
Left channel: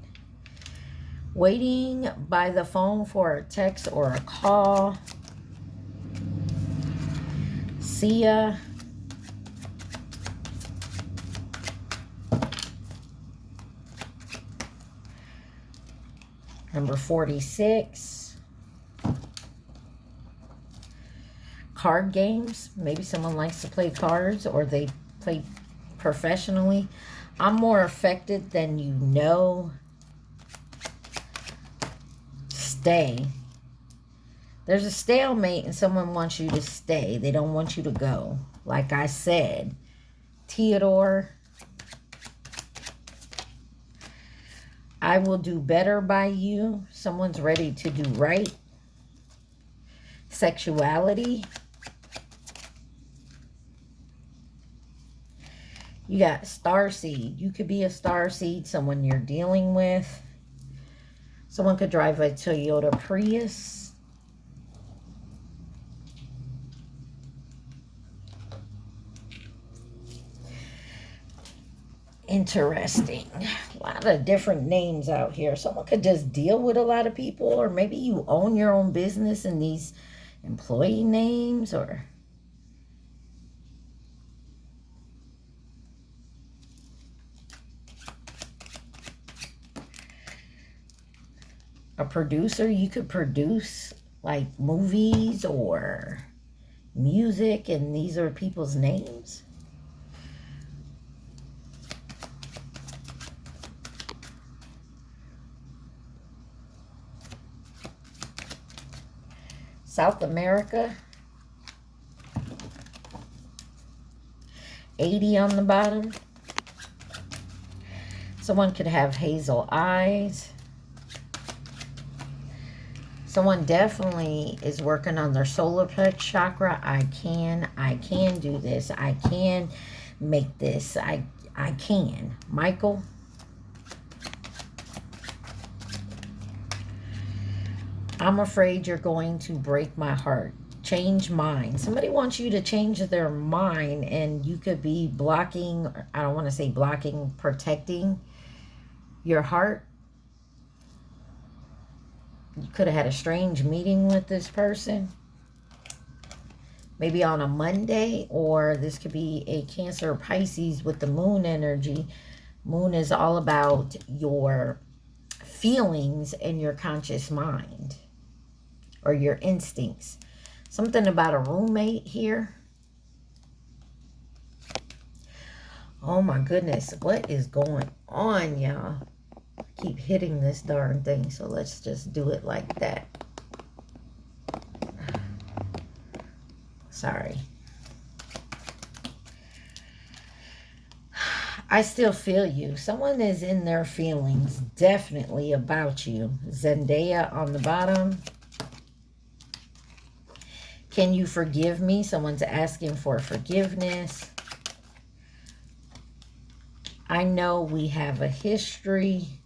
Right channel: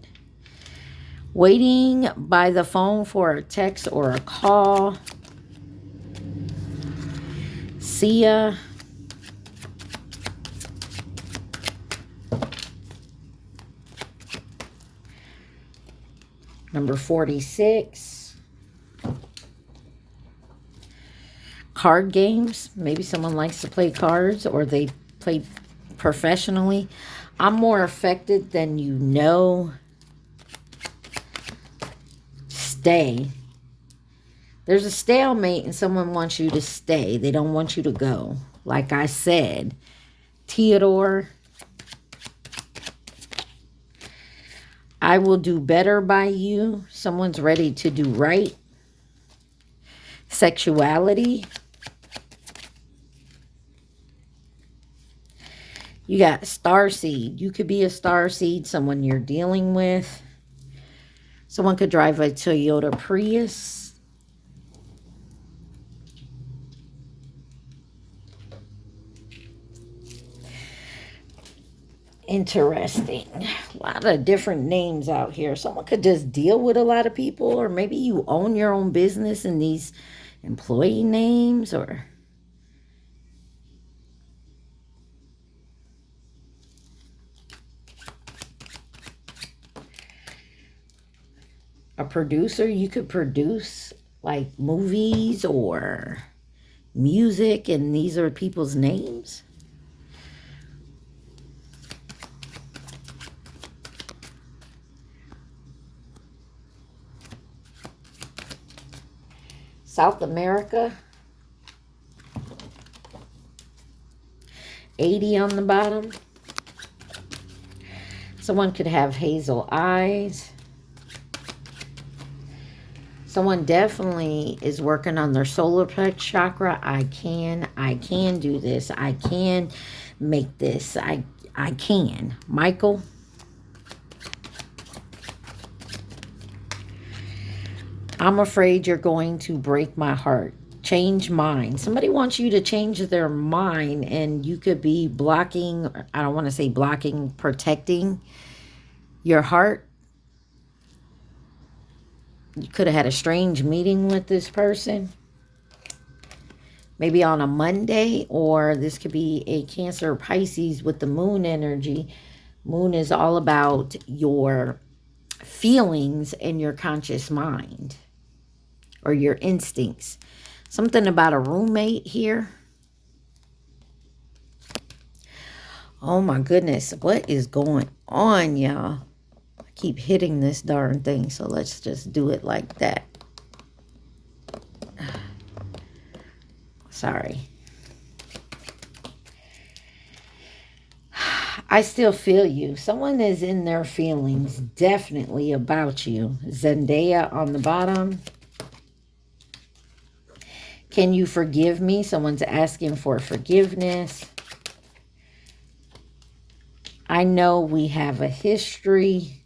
Waiting by the phone for a text or a call. Sia. Number 46. Card games. Maybe someone likes to play cards, or they play professionally. I'm more affected than you know. Stay. There's a stalemate and someone wants you to stay. They don't want you to go. Like I said. Theodore. I will do better by you. Someone's ready to do right. Sexuality. You got starseed. You could be a starseed, someone you're dealing with. Someone could drive a Toyota Prius. Interesting. A lot of different names out here. Someone could just deal with a lot of people, or maybe you own your own business and these employee names, or a producer. You could produce like movies or music, and these are people's names. South America. 80 on the bottom. Someone could have hazel eyes. Someone definitely is working on their solar plex chakra. I can do this. I can make this. I can. Michael. I'm afraid you're going to break my heart. Change mind. Somebody wants you to change their mind, and you could be blocking, I don't want to say blocking, protecting your heart. You could have had a strange meeting with this person. Maybe on a Monday, or this could be a Cancer or Pisces with the moon energy. Moon is all about your feelings and your conscious mind or your instincts. Something about a roommate here. Oh my goodness, what is going on, y'all? I keep hitting this darn thing, so let's just do it like that. Sorry. I still feel you. Someone is in their feelings, definitely about you. Zendaya on the bottom. Can you forgive me? Someone's asking for forgiveness. I know we have a history.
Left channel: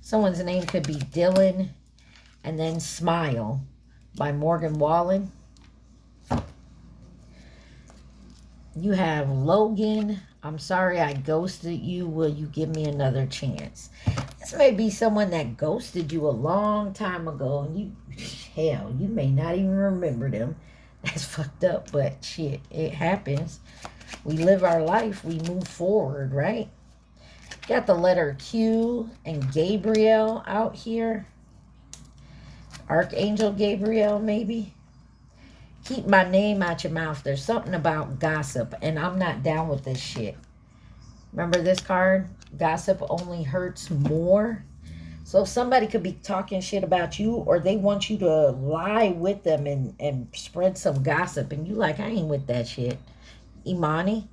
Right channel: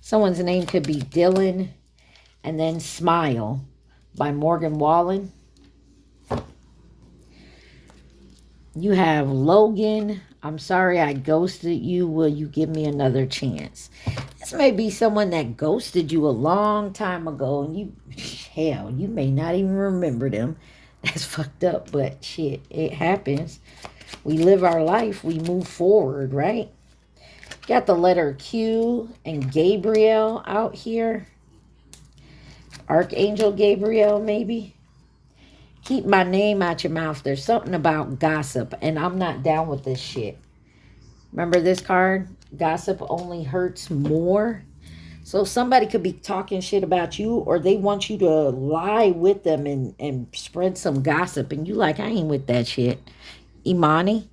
Someone's name could be Dylan. And then Smile by Morgan Wallen. You have Logan. I'm sorry I ghosted you. Will you give me another chance? This may be someone that ghosted you a long time ago, and you, hell, you may not even remember them. That's fucked up, but shit, it happens. We live our life. We move forward, right? Got the letter Q and Gabriel out here. Archangel Gabriel, maybe. Keep my name out your mouth. There's something about gossip, and I'm not down with this shit. Remember this card? Gossip only hurts more. So somebody could be talking shit about you, or they want you to lie with them and spread some gossip, and you like, I ain't with that shit. Imani.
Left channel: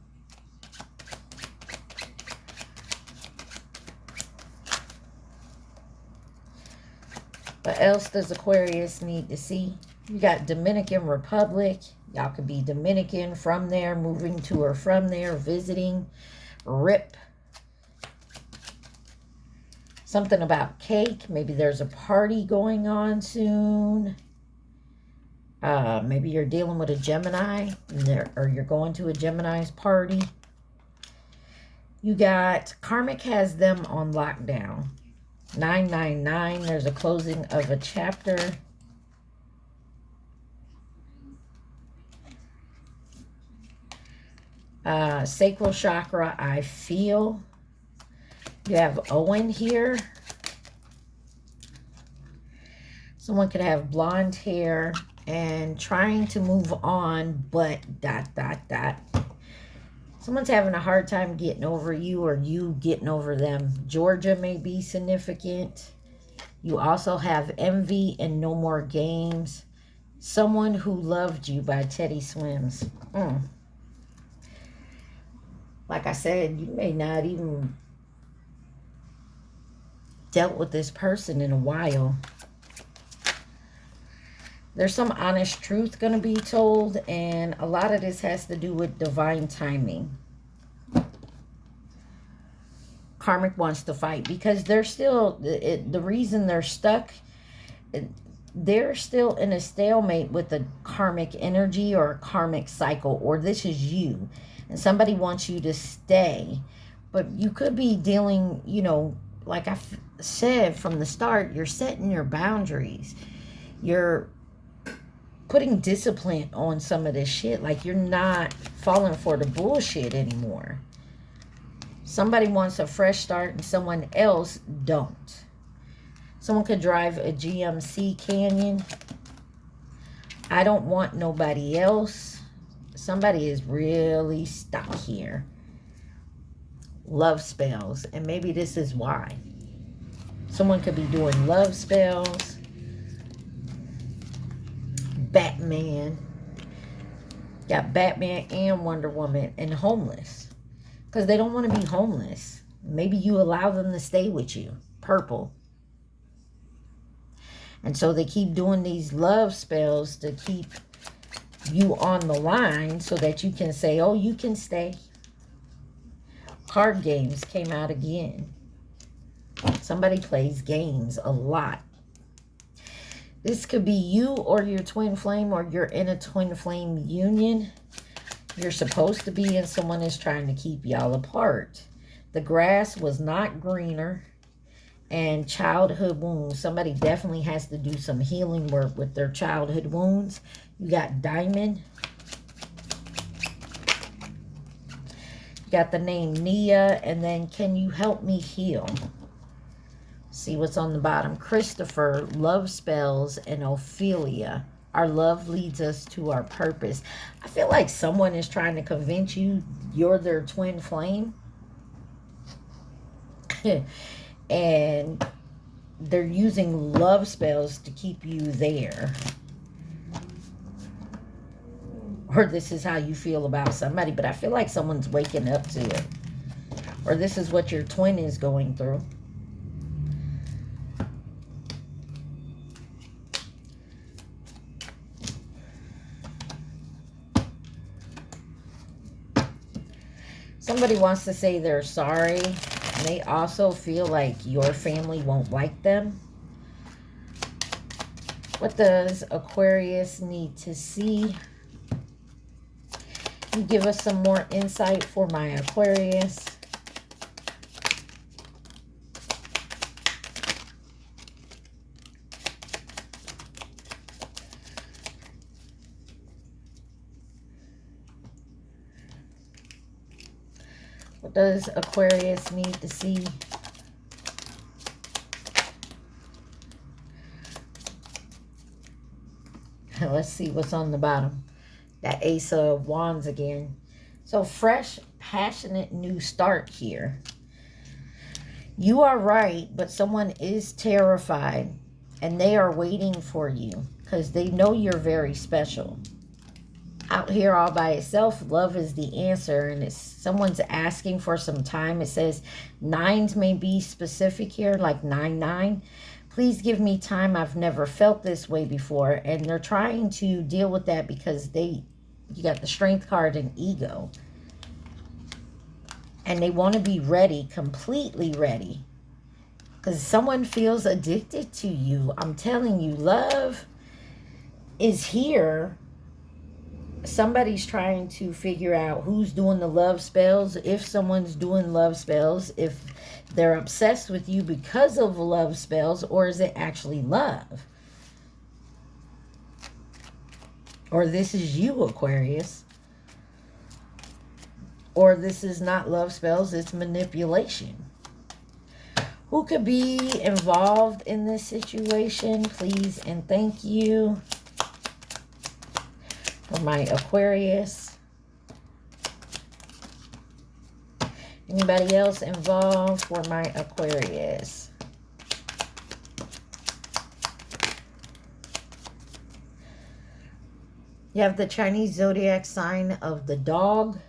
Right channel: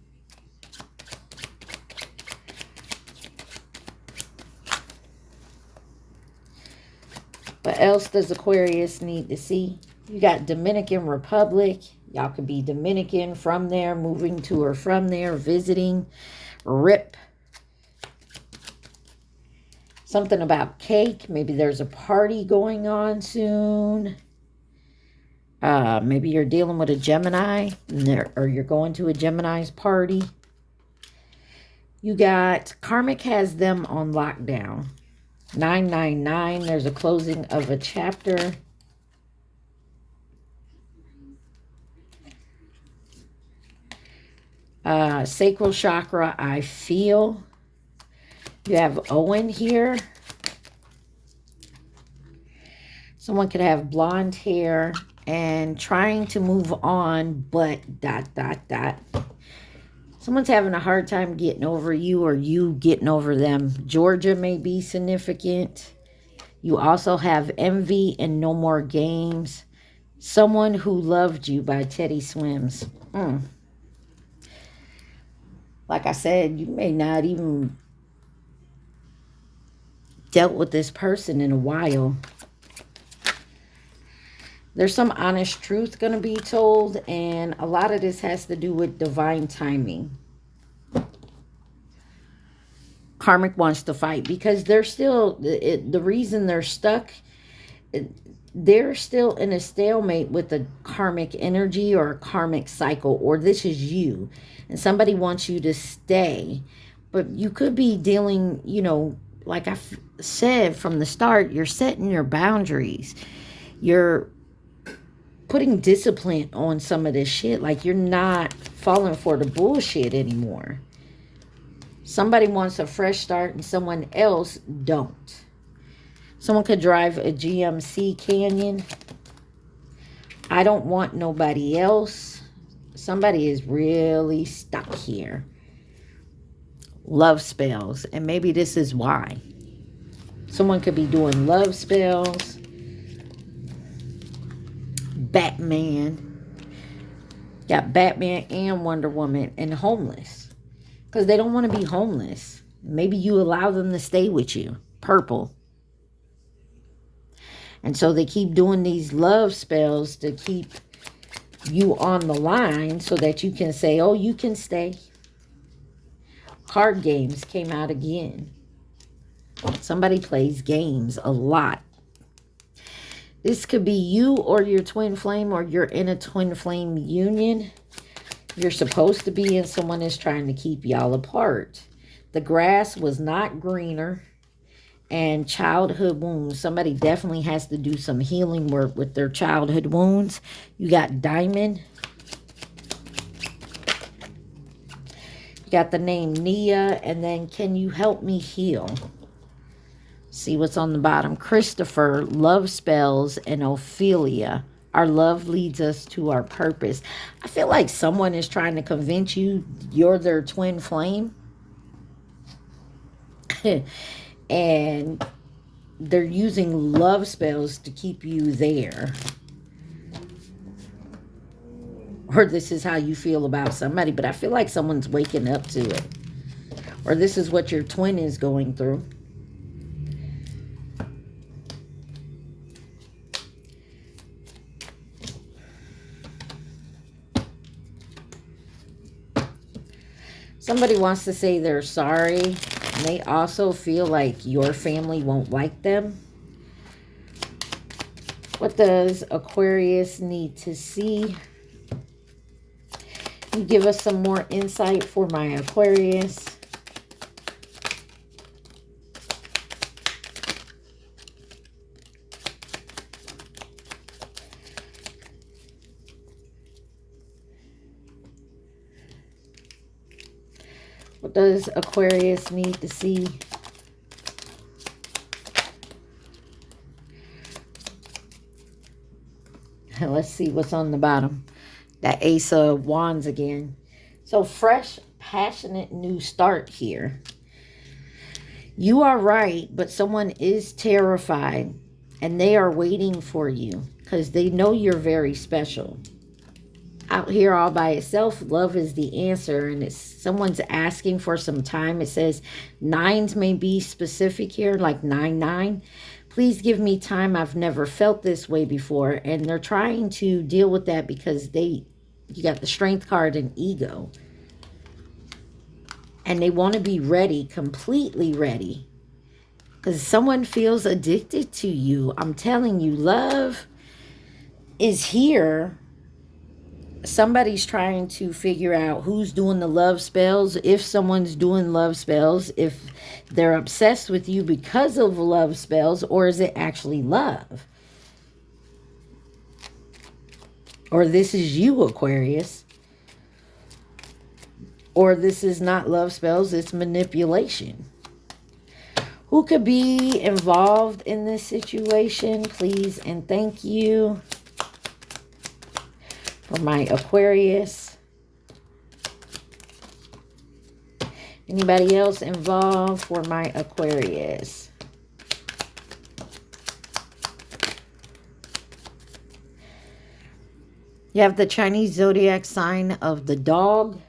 What else does Aquarius need to see? You got Dominican Republic. Y'all could be Dominican, from there, moving to or from there, visiting. Rip. Something about cake. Maybe there's a party going on soon. Maybe you're dealing with a Gemini, or you're going to a Gemini's party. You got Karmic has them on lockdown. 999. There's a closing of a chapter. Sacral chakra, I feel. You have Owen here. Someone could have blonde hair and trying to move on, but ... Someone's having a hard time getting over you, or you getting over them. Georgia may be significant. You also have Envy and No More Games. Someone Who Loved You by Teddy Swims. Like I said, you may not even dealt with this person in a while. There's some honest truth going to be told, and a lot of this has to do with divine timing. Karmic wants to fight because they're still, the reason they're stuck, they're still in a stalemate with the karmic energy or a karmic cycle, or this is you. And somebody wants you to stay. But you could be dealing, you know, like I said from the start, you're setting your boundaries. You're putting discipline on some of this shit. Like, you're not falling for the bullshit anymore. Somebody wants a fresh start and someone else don't. Someone could drive a GMC Canyon. I don't want nobody else. Somebody is really stuck here. Love spells. And maybe this is why. Someone could be doing love spells. Batman. Got Batman and Wonder Woman and homeless. Because they don't want to be homeless. Maybe you allow them to stay with you. Purple. And so they keep doing these love spells to keep you on the line so that you can say, oh, you can stay. Card games came out again. Somebody plays games a lot. This could be you or your twin flame, or you're in a twin flame union. You're supposed to be, and someone is trying to keep y'all apart. The grass was not greener. And childhood wounds. Somebody definitely has to do some healing work with their childhood wounds. You got Diamond. You got the name Nia. And then, can you help me heal? See what's on the bottom. Christopher, love spells, and Ophelia. Our love leads us to our purpose. I feel like someone is trying to convince you you're their twin flame. And they're using love spells to keep you there. Or this is how you feel about somebody. But I feel like someone's waking up to it. Or this is what your twin is going through. Somebody wants to say they're sorry, and they also feel like your family won't like them. What does Aquarius need to see? Can you give us some more insight for my Aquarius? What does Aquarius need to see? Let's see what's on the bottom. That Ace of Wands again. So fresh, passionate new start here. You are right, but someone is terrified. And they are waiting for you. Because they know you're very special. Out here all by itself, love is the answer, and it's someone's asking for some time. It says nines may be specific here, like 99. Please give me time. I've never felt this way before. And they're trying to deal with that because you got the Strength card and Ego. And they want to be ready, completely ready. Because someone feels addicted to you. I'm telling you, love is here. Somebody's trying to figure out who's doing the love spells, if someone's doing love spells, if they're obsessed with you because of love spells, or is it actually love? Or this is you, Aquarius. Or this is not love spells, it's manipulation. Who could be involved in this situation? Please and thank you. For my Aquarius. Anybody else involved for my Aquarius? You have the Chinese zodiac sign of the dog.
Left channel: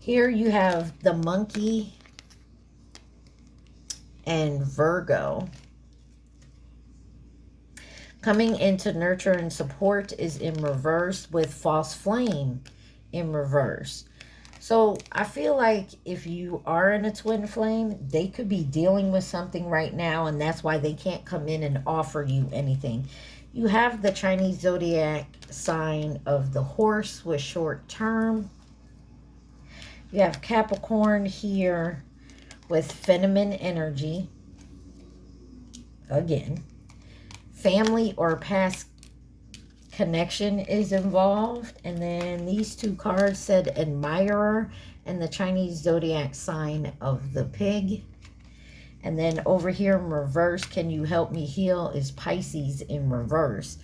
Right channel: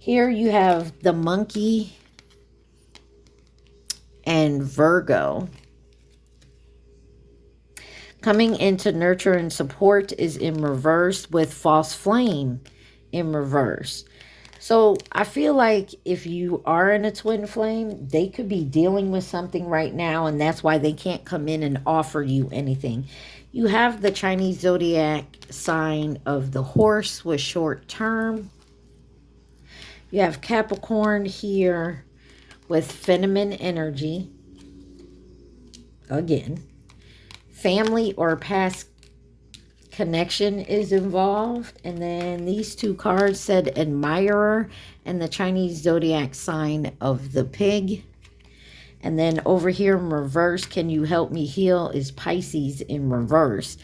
Here you have the monkey and Virgo. Coming into nurture and support is in reverse with false flame in reverse. So I feel like if you are in a twin flame, they could be dealing with something right now, and that's why they can't come in and offer you anything. You have the Chinese zodiac sign of the horse with short term. You have Capricorn here with feminine energy. Again. Family or past connection is involved. And then these two cards said admirer and the Chinese zodiac sign of the pig. And then over here in reverse, can you help me heal, is Pisces in reverse,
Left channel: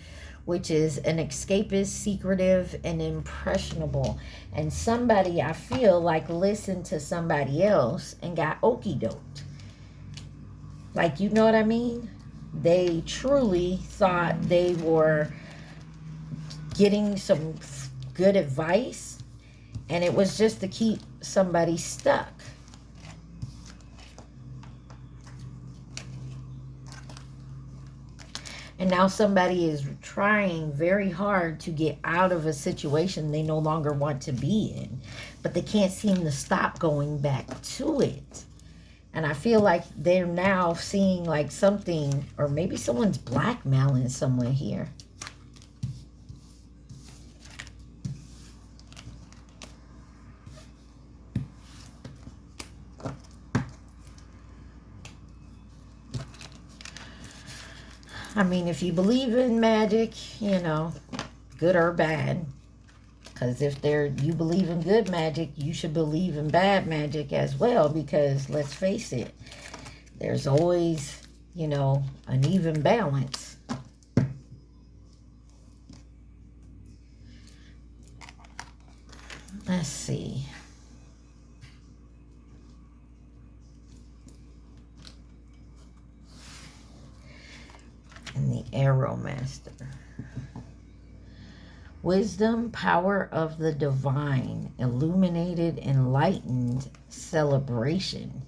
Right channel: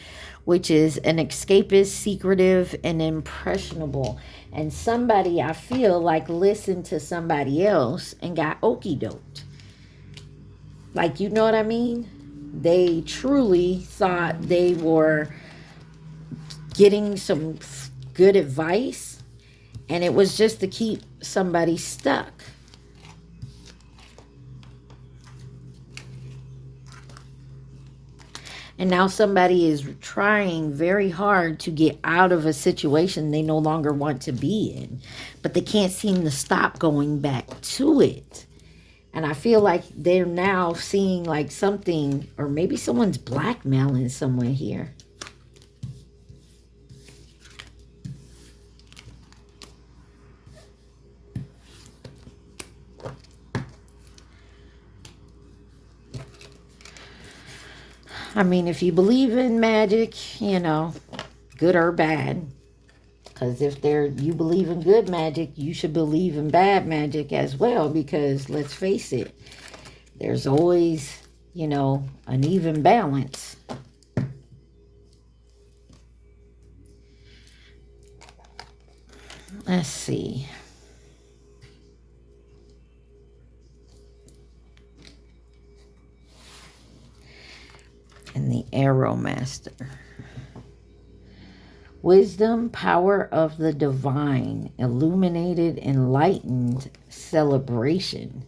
which is an escapist, secretive, and impressionable. And somebody, I feel like, listened to somebody else and got okey-doked. Like, you know what I mean? They truly thought they were getting some good advice, and it was just to keep somebody stuck. And now somebody is trying very hard to get out of a situation they no longer want to be in. But they can't seem to stop going back to it. And I feel like they're now seeing like something, or maybe someone's blackmailing someone here. I mean, if you believe in magic, you know, good or bad. Because if you believe in good magic, you should believe in bad magic as well. Because let's face it, there's always, you know, an even balance. Let's see. And the Arrow Master. Wisdom, power of the divine, illuminated, enlightened, celebration.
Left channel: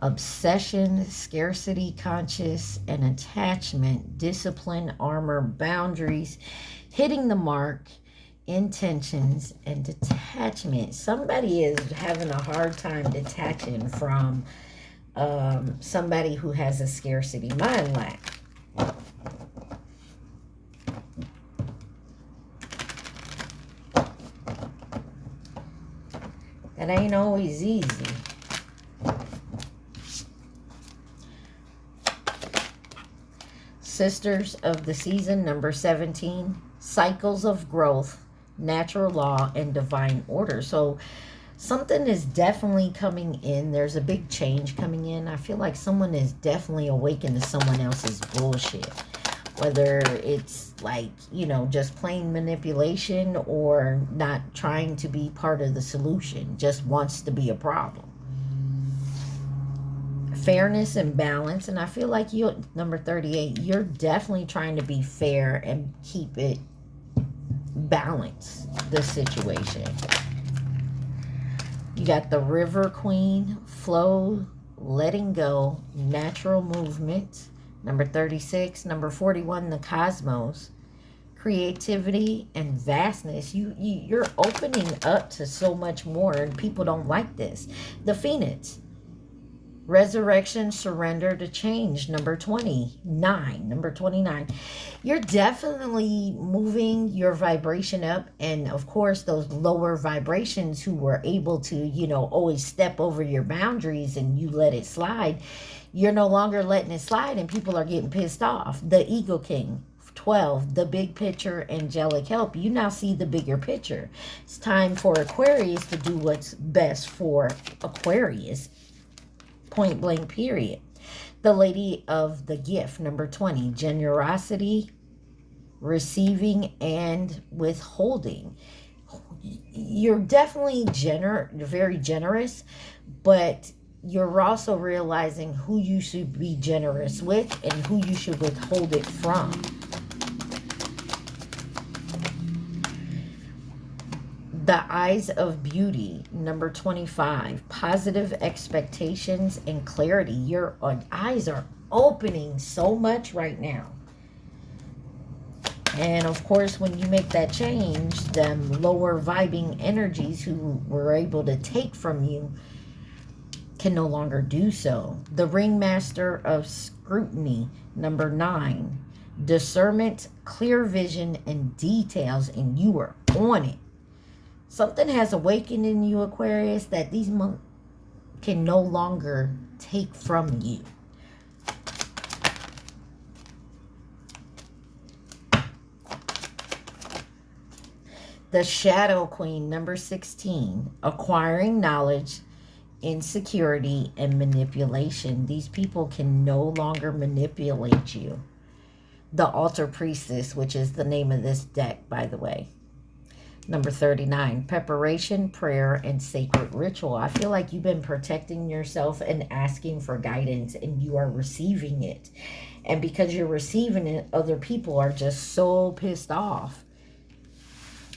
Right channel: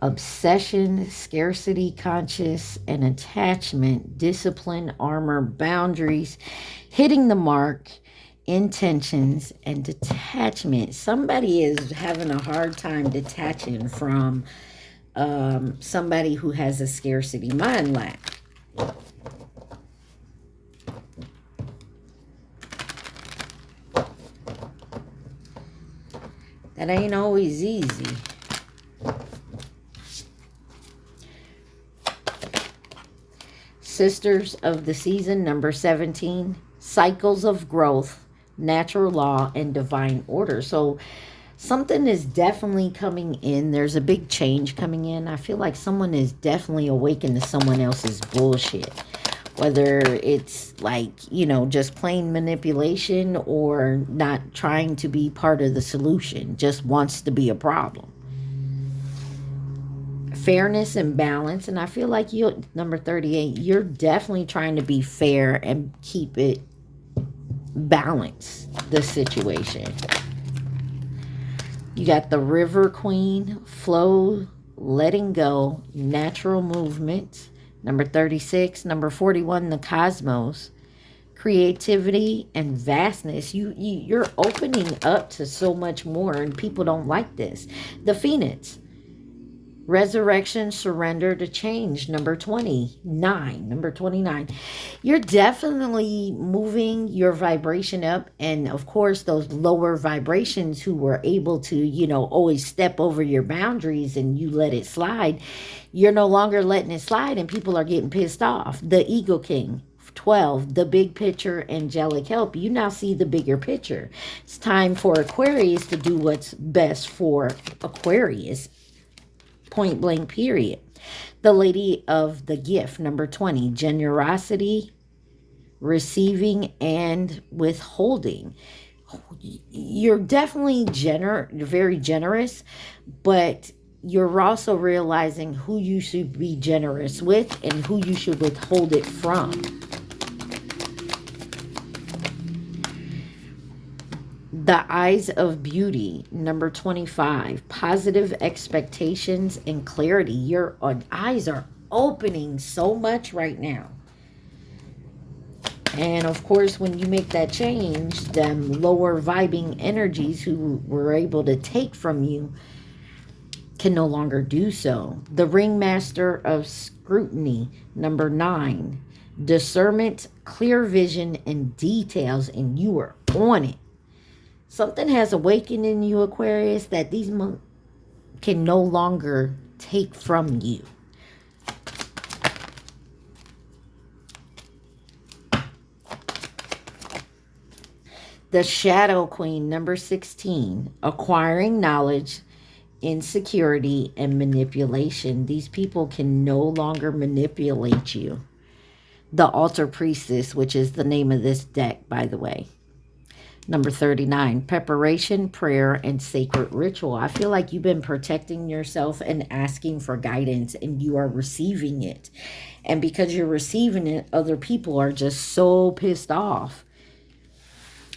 Obsession, scarcity, conscious, and attachment, discipline, armor, boundaries, hitting the mark, intentions, and detachment. Somebody is having a hard time detaching from somebody who has a scarcity mind lack. That ain't always easy. Sisters of the Season, number 17. Cycles of growth, natural law, and divine order. So something is definitely coming in. There's a big change coming in. I feel like someone is definitely awakened to someone else's bullshit. Whether it's like, you know, just plain manipulation or not trying to be part of the solution. Just wants to be a problem. Fairness and balance. And I feel like you, number 38, you're definitely trying to be fair and keep it balanced, the situation. You got the River Queen, flow, letting go, natural movement. Number 36, number 41, the Cosmos, creativity and vastness. You're opening up to so much more, and people don't like this. The Phoenix, resurrection, surrender to change. Number 29, number 29. You're definitely moving your vibration up, and of course those lower vibrations who were able to, you know, always step over your boundaries and you let it slide, you're no longer letting it slide, and people are getting pissed off. The Ego King, 12, the big picture, angelic help. You now see the bigger picture. It's time for Aquarius to do what's best for Aquarius. Point blank, period. The Lady of the Gift, number 20, generosity, receiving, and withholding. You're definitely very generous, but you're also realizing who you should be generous with and who you should withhold it from. The Eyes of Beauty, number 25. Positive expectations and clarity. Your eyes are opening so much right now. And of course, when you make that change, them lower vibing energies who were able to take from you can no longer do so. The Ringmaster of Scrutiny, number 9. Discernment, clear vision, and details, and you are on it. Something has awakened in you, Aquarius, that these monks can no longer take from you. The Shadow Queen, number 16. Acquiring knowledge, insecurity, and manipulation. These people can no longer manipulate you. The Altar Priestess, which is the name of this deck, by the way. Number 39, preparation, prayer, and sacred ritual. I feel like you've been protecting yourself and asking for guidance, and you are receiving it. And because you're receiving it, other people are just so pissed off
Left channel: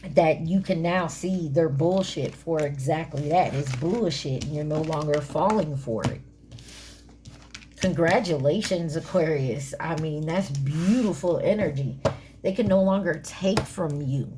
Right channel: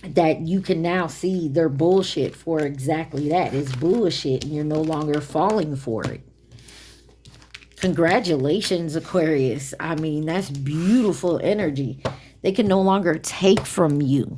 that you can now see their bullshit for exactly that. It's bullshit, and you're no longer falling for it. Congratulations, Aquarius. I mean, that's beautiful energy. They can no longer take from you.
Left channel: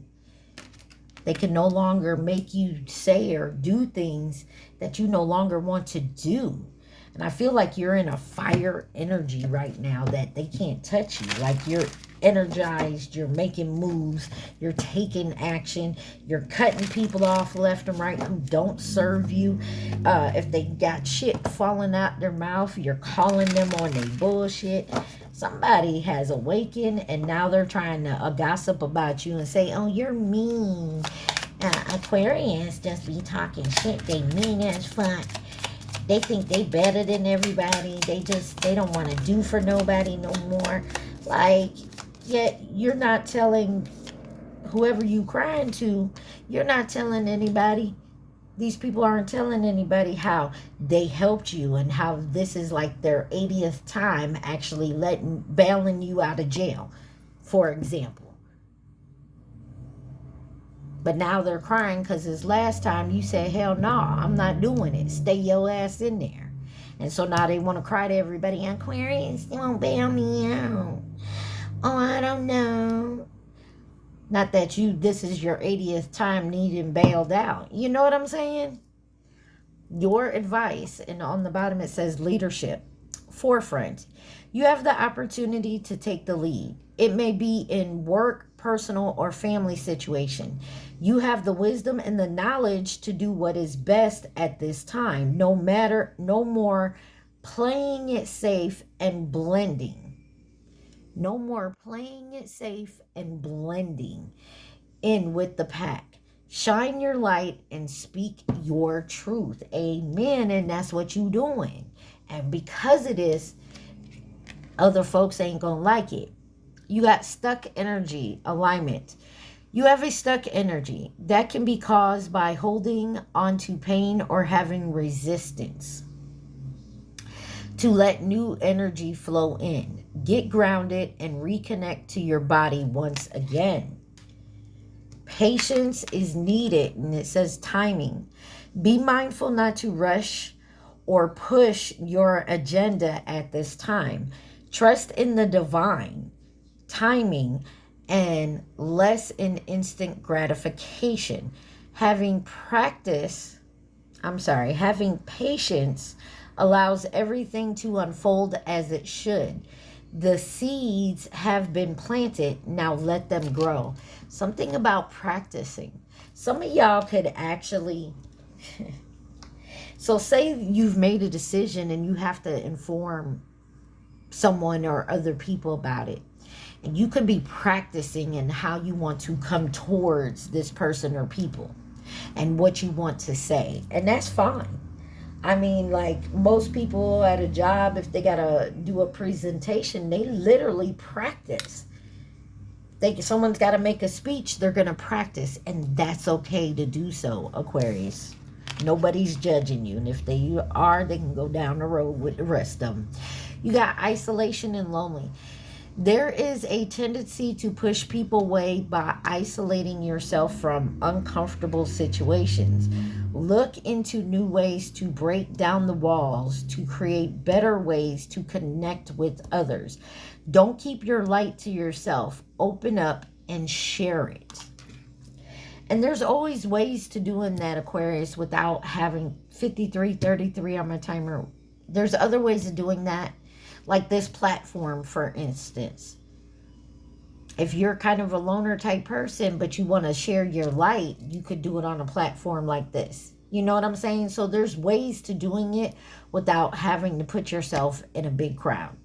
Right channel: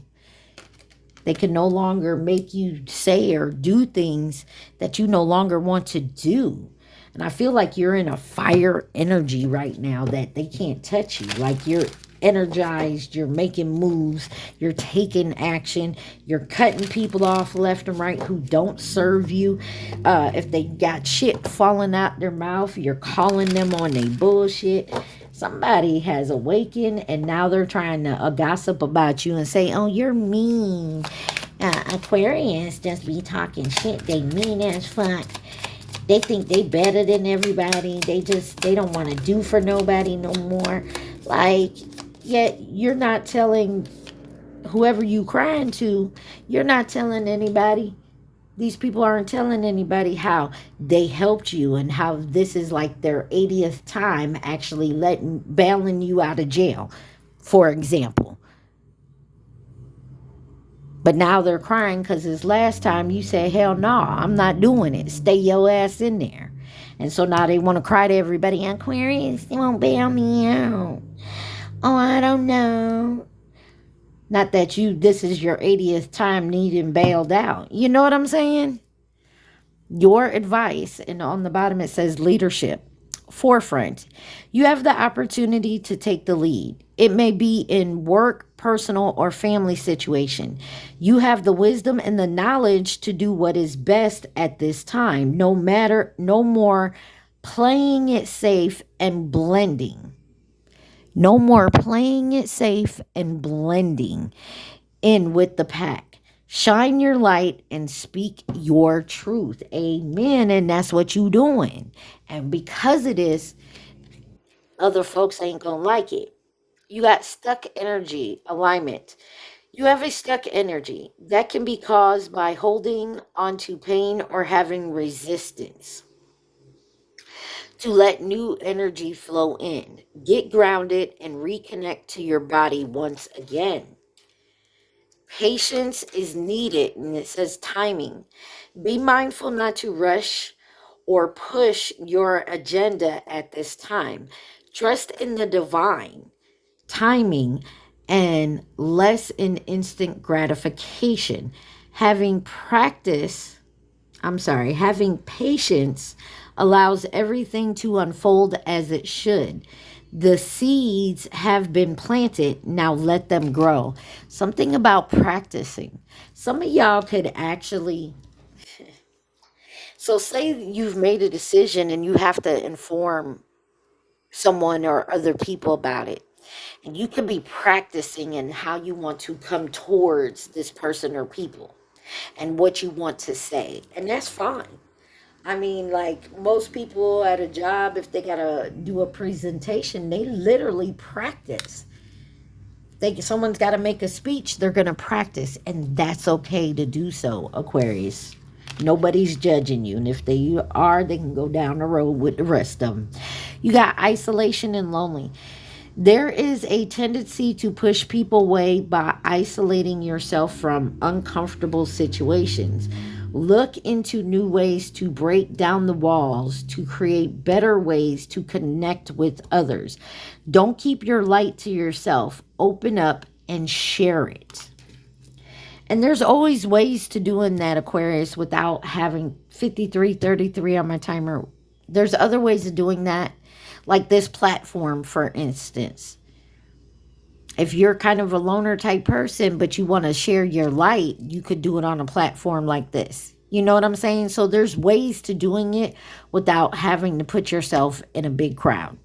They can no longer make you say or do things that you no longer want to do. And I feel like you're in a fire energy right now that they can't touch you. Like you're energized, you're making moves, you're taking action, you're cutting people off left and right who don't serve you. If they got shit falling out their mouth, you're calling them on their bullshit. Somebody has awakened and now they're trying to gossip about you and say, oh, you're mean. Aquarius just be talking shit. They mean as fuck. They think they better than everybody. They don't want to do for nobody no more. Like, yet you're not telling whoever you crying to, you're not telling anybody. These people aren't telling anybody how they helped you and how this is like their 80th time actually bailing you out of jail, for example. But now they're crying because this last time you said, hell no, I'm not doing it. Stay your ass in there. And so now they want to cry to everybody, Aquarius, they won't bail me out. Oh, I don't know. Not that this is your 80th time needing bailed out. You know what I'm saying? Your advice, and on the bottom it says leadership, forefront. You have the opportunity to take the lead. It may be in work, personal, or family situation. You have the wisdom and the knowledge to do what is best at this time. No more playing it safe and blending. No more playing it safe and blending in with the pack. Shine your light and speak your truth. Amen. And that's what you doing. And because it is, other folks ain't gonna like it. You got stuck energy, alignment. You have a stuck energy that can be caused by holding onto pain or having resistance. To let new energy flow in. Get grounded and reconnect to your body once again. Patience is needed, and it says timing. Be mindful not to rush or push your agenda at this time. Trust in the divine timing and less in instant gratification. Having patience allows everything to unfold as it should. The seeds have been planted. Now let them grow. Something about practicing. Some of y'all could actually... So say you've made a decision and you have to inform someone or other people about it. And you could be practicing in how you want to come towards this person or people and what you want to say. And that's fine. I mean, like most people at a job, if they got to do a presentation, they literally practice. Someone's got to make a speech, they're going to practice. And that's okay to do so, Aquarius. Nobody's judging you. And if they are, they can go down the road with the rest of them. You got isolation and lonely. There is a tendency to push people away by isolating yourself from uncomfortable situations. Look into new ways to break down the walls, to create better ways to connect with others. Don't keep your light to yourself. Open up and share it. And there's always ways to doing that, Aquarius, without having 53:33 on my timer. There's other ways of doing that. Like this platform, for instance. If you're kind of a loner type person, but you want to share your light, you could do it on a platform like this. You know what I'm saying? So there's ways to doing it without having to put yourself in a big crowd.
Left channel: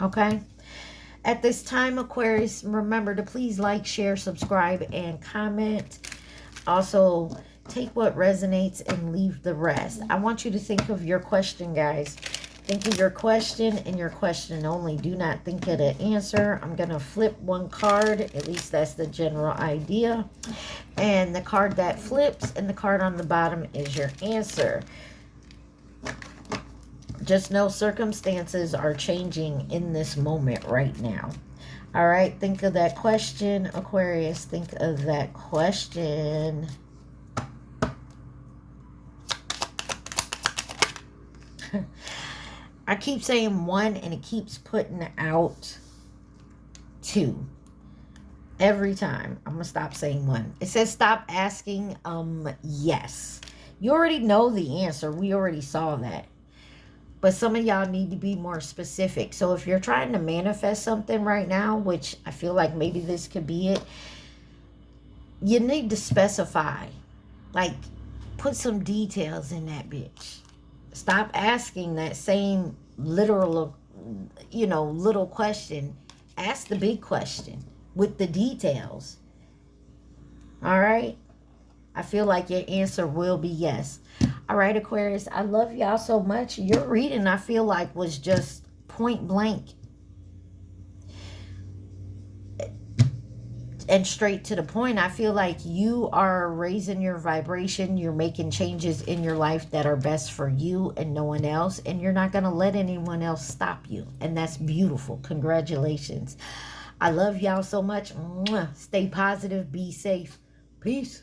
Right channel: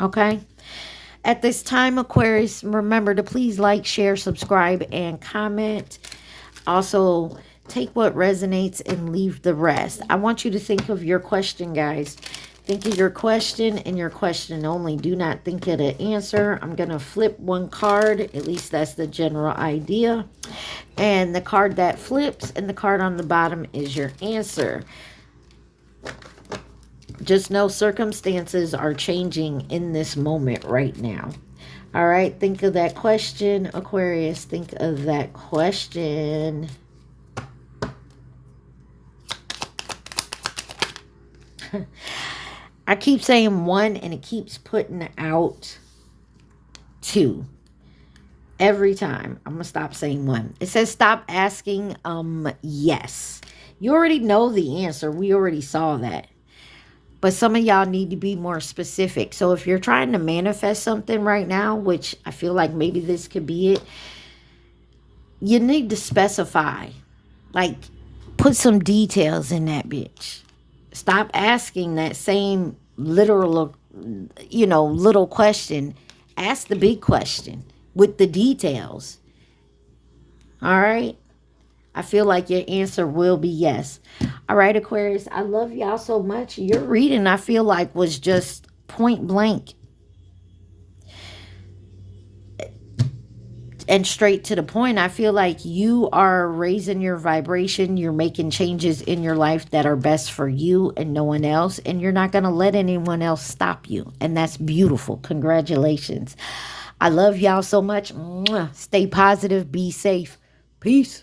Okay? At this time, Aquarius, remember to please like, share, subscribe, and comment. Also, take what resonates and leave the rest. I want you to think of your question, guys. Think of your question and your question only. Do not think of the answer. I'm going to flip one card. At least that's the general idea. And the card that flips and the card on the bottom is your answer. Just know circumstances are changing in this moment right now. All right, think of that question, Aquarius. Think of that question. I keep saying 1 and it keeps putting out 2. Every time. I'm going to stop saying 1. It says stop asking yes. You already know the answer. We already saw that. But some of y'all need to be more specific. So if you're trying to manifest something right now, which I feel like maybe this could be it, you need to specify. Like, put some details in that bitch. Stop asking that same literal, little question. Ask the big question with the details. All right? I feel like your answer will be yes. All right, Aquarius, I love y'all so much. Your reading, I feel like, was just point blank and straight to the point. I feel like you are raising your vibration. You're making changes in your life that are best for you and no one else. And you're not going to let anyone else stop you. And that's beautiful. Congratulations. I love y'all so much. Stay positive. Be safe. Peace.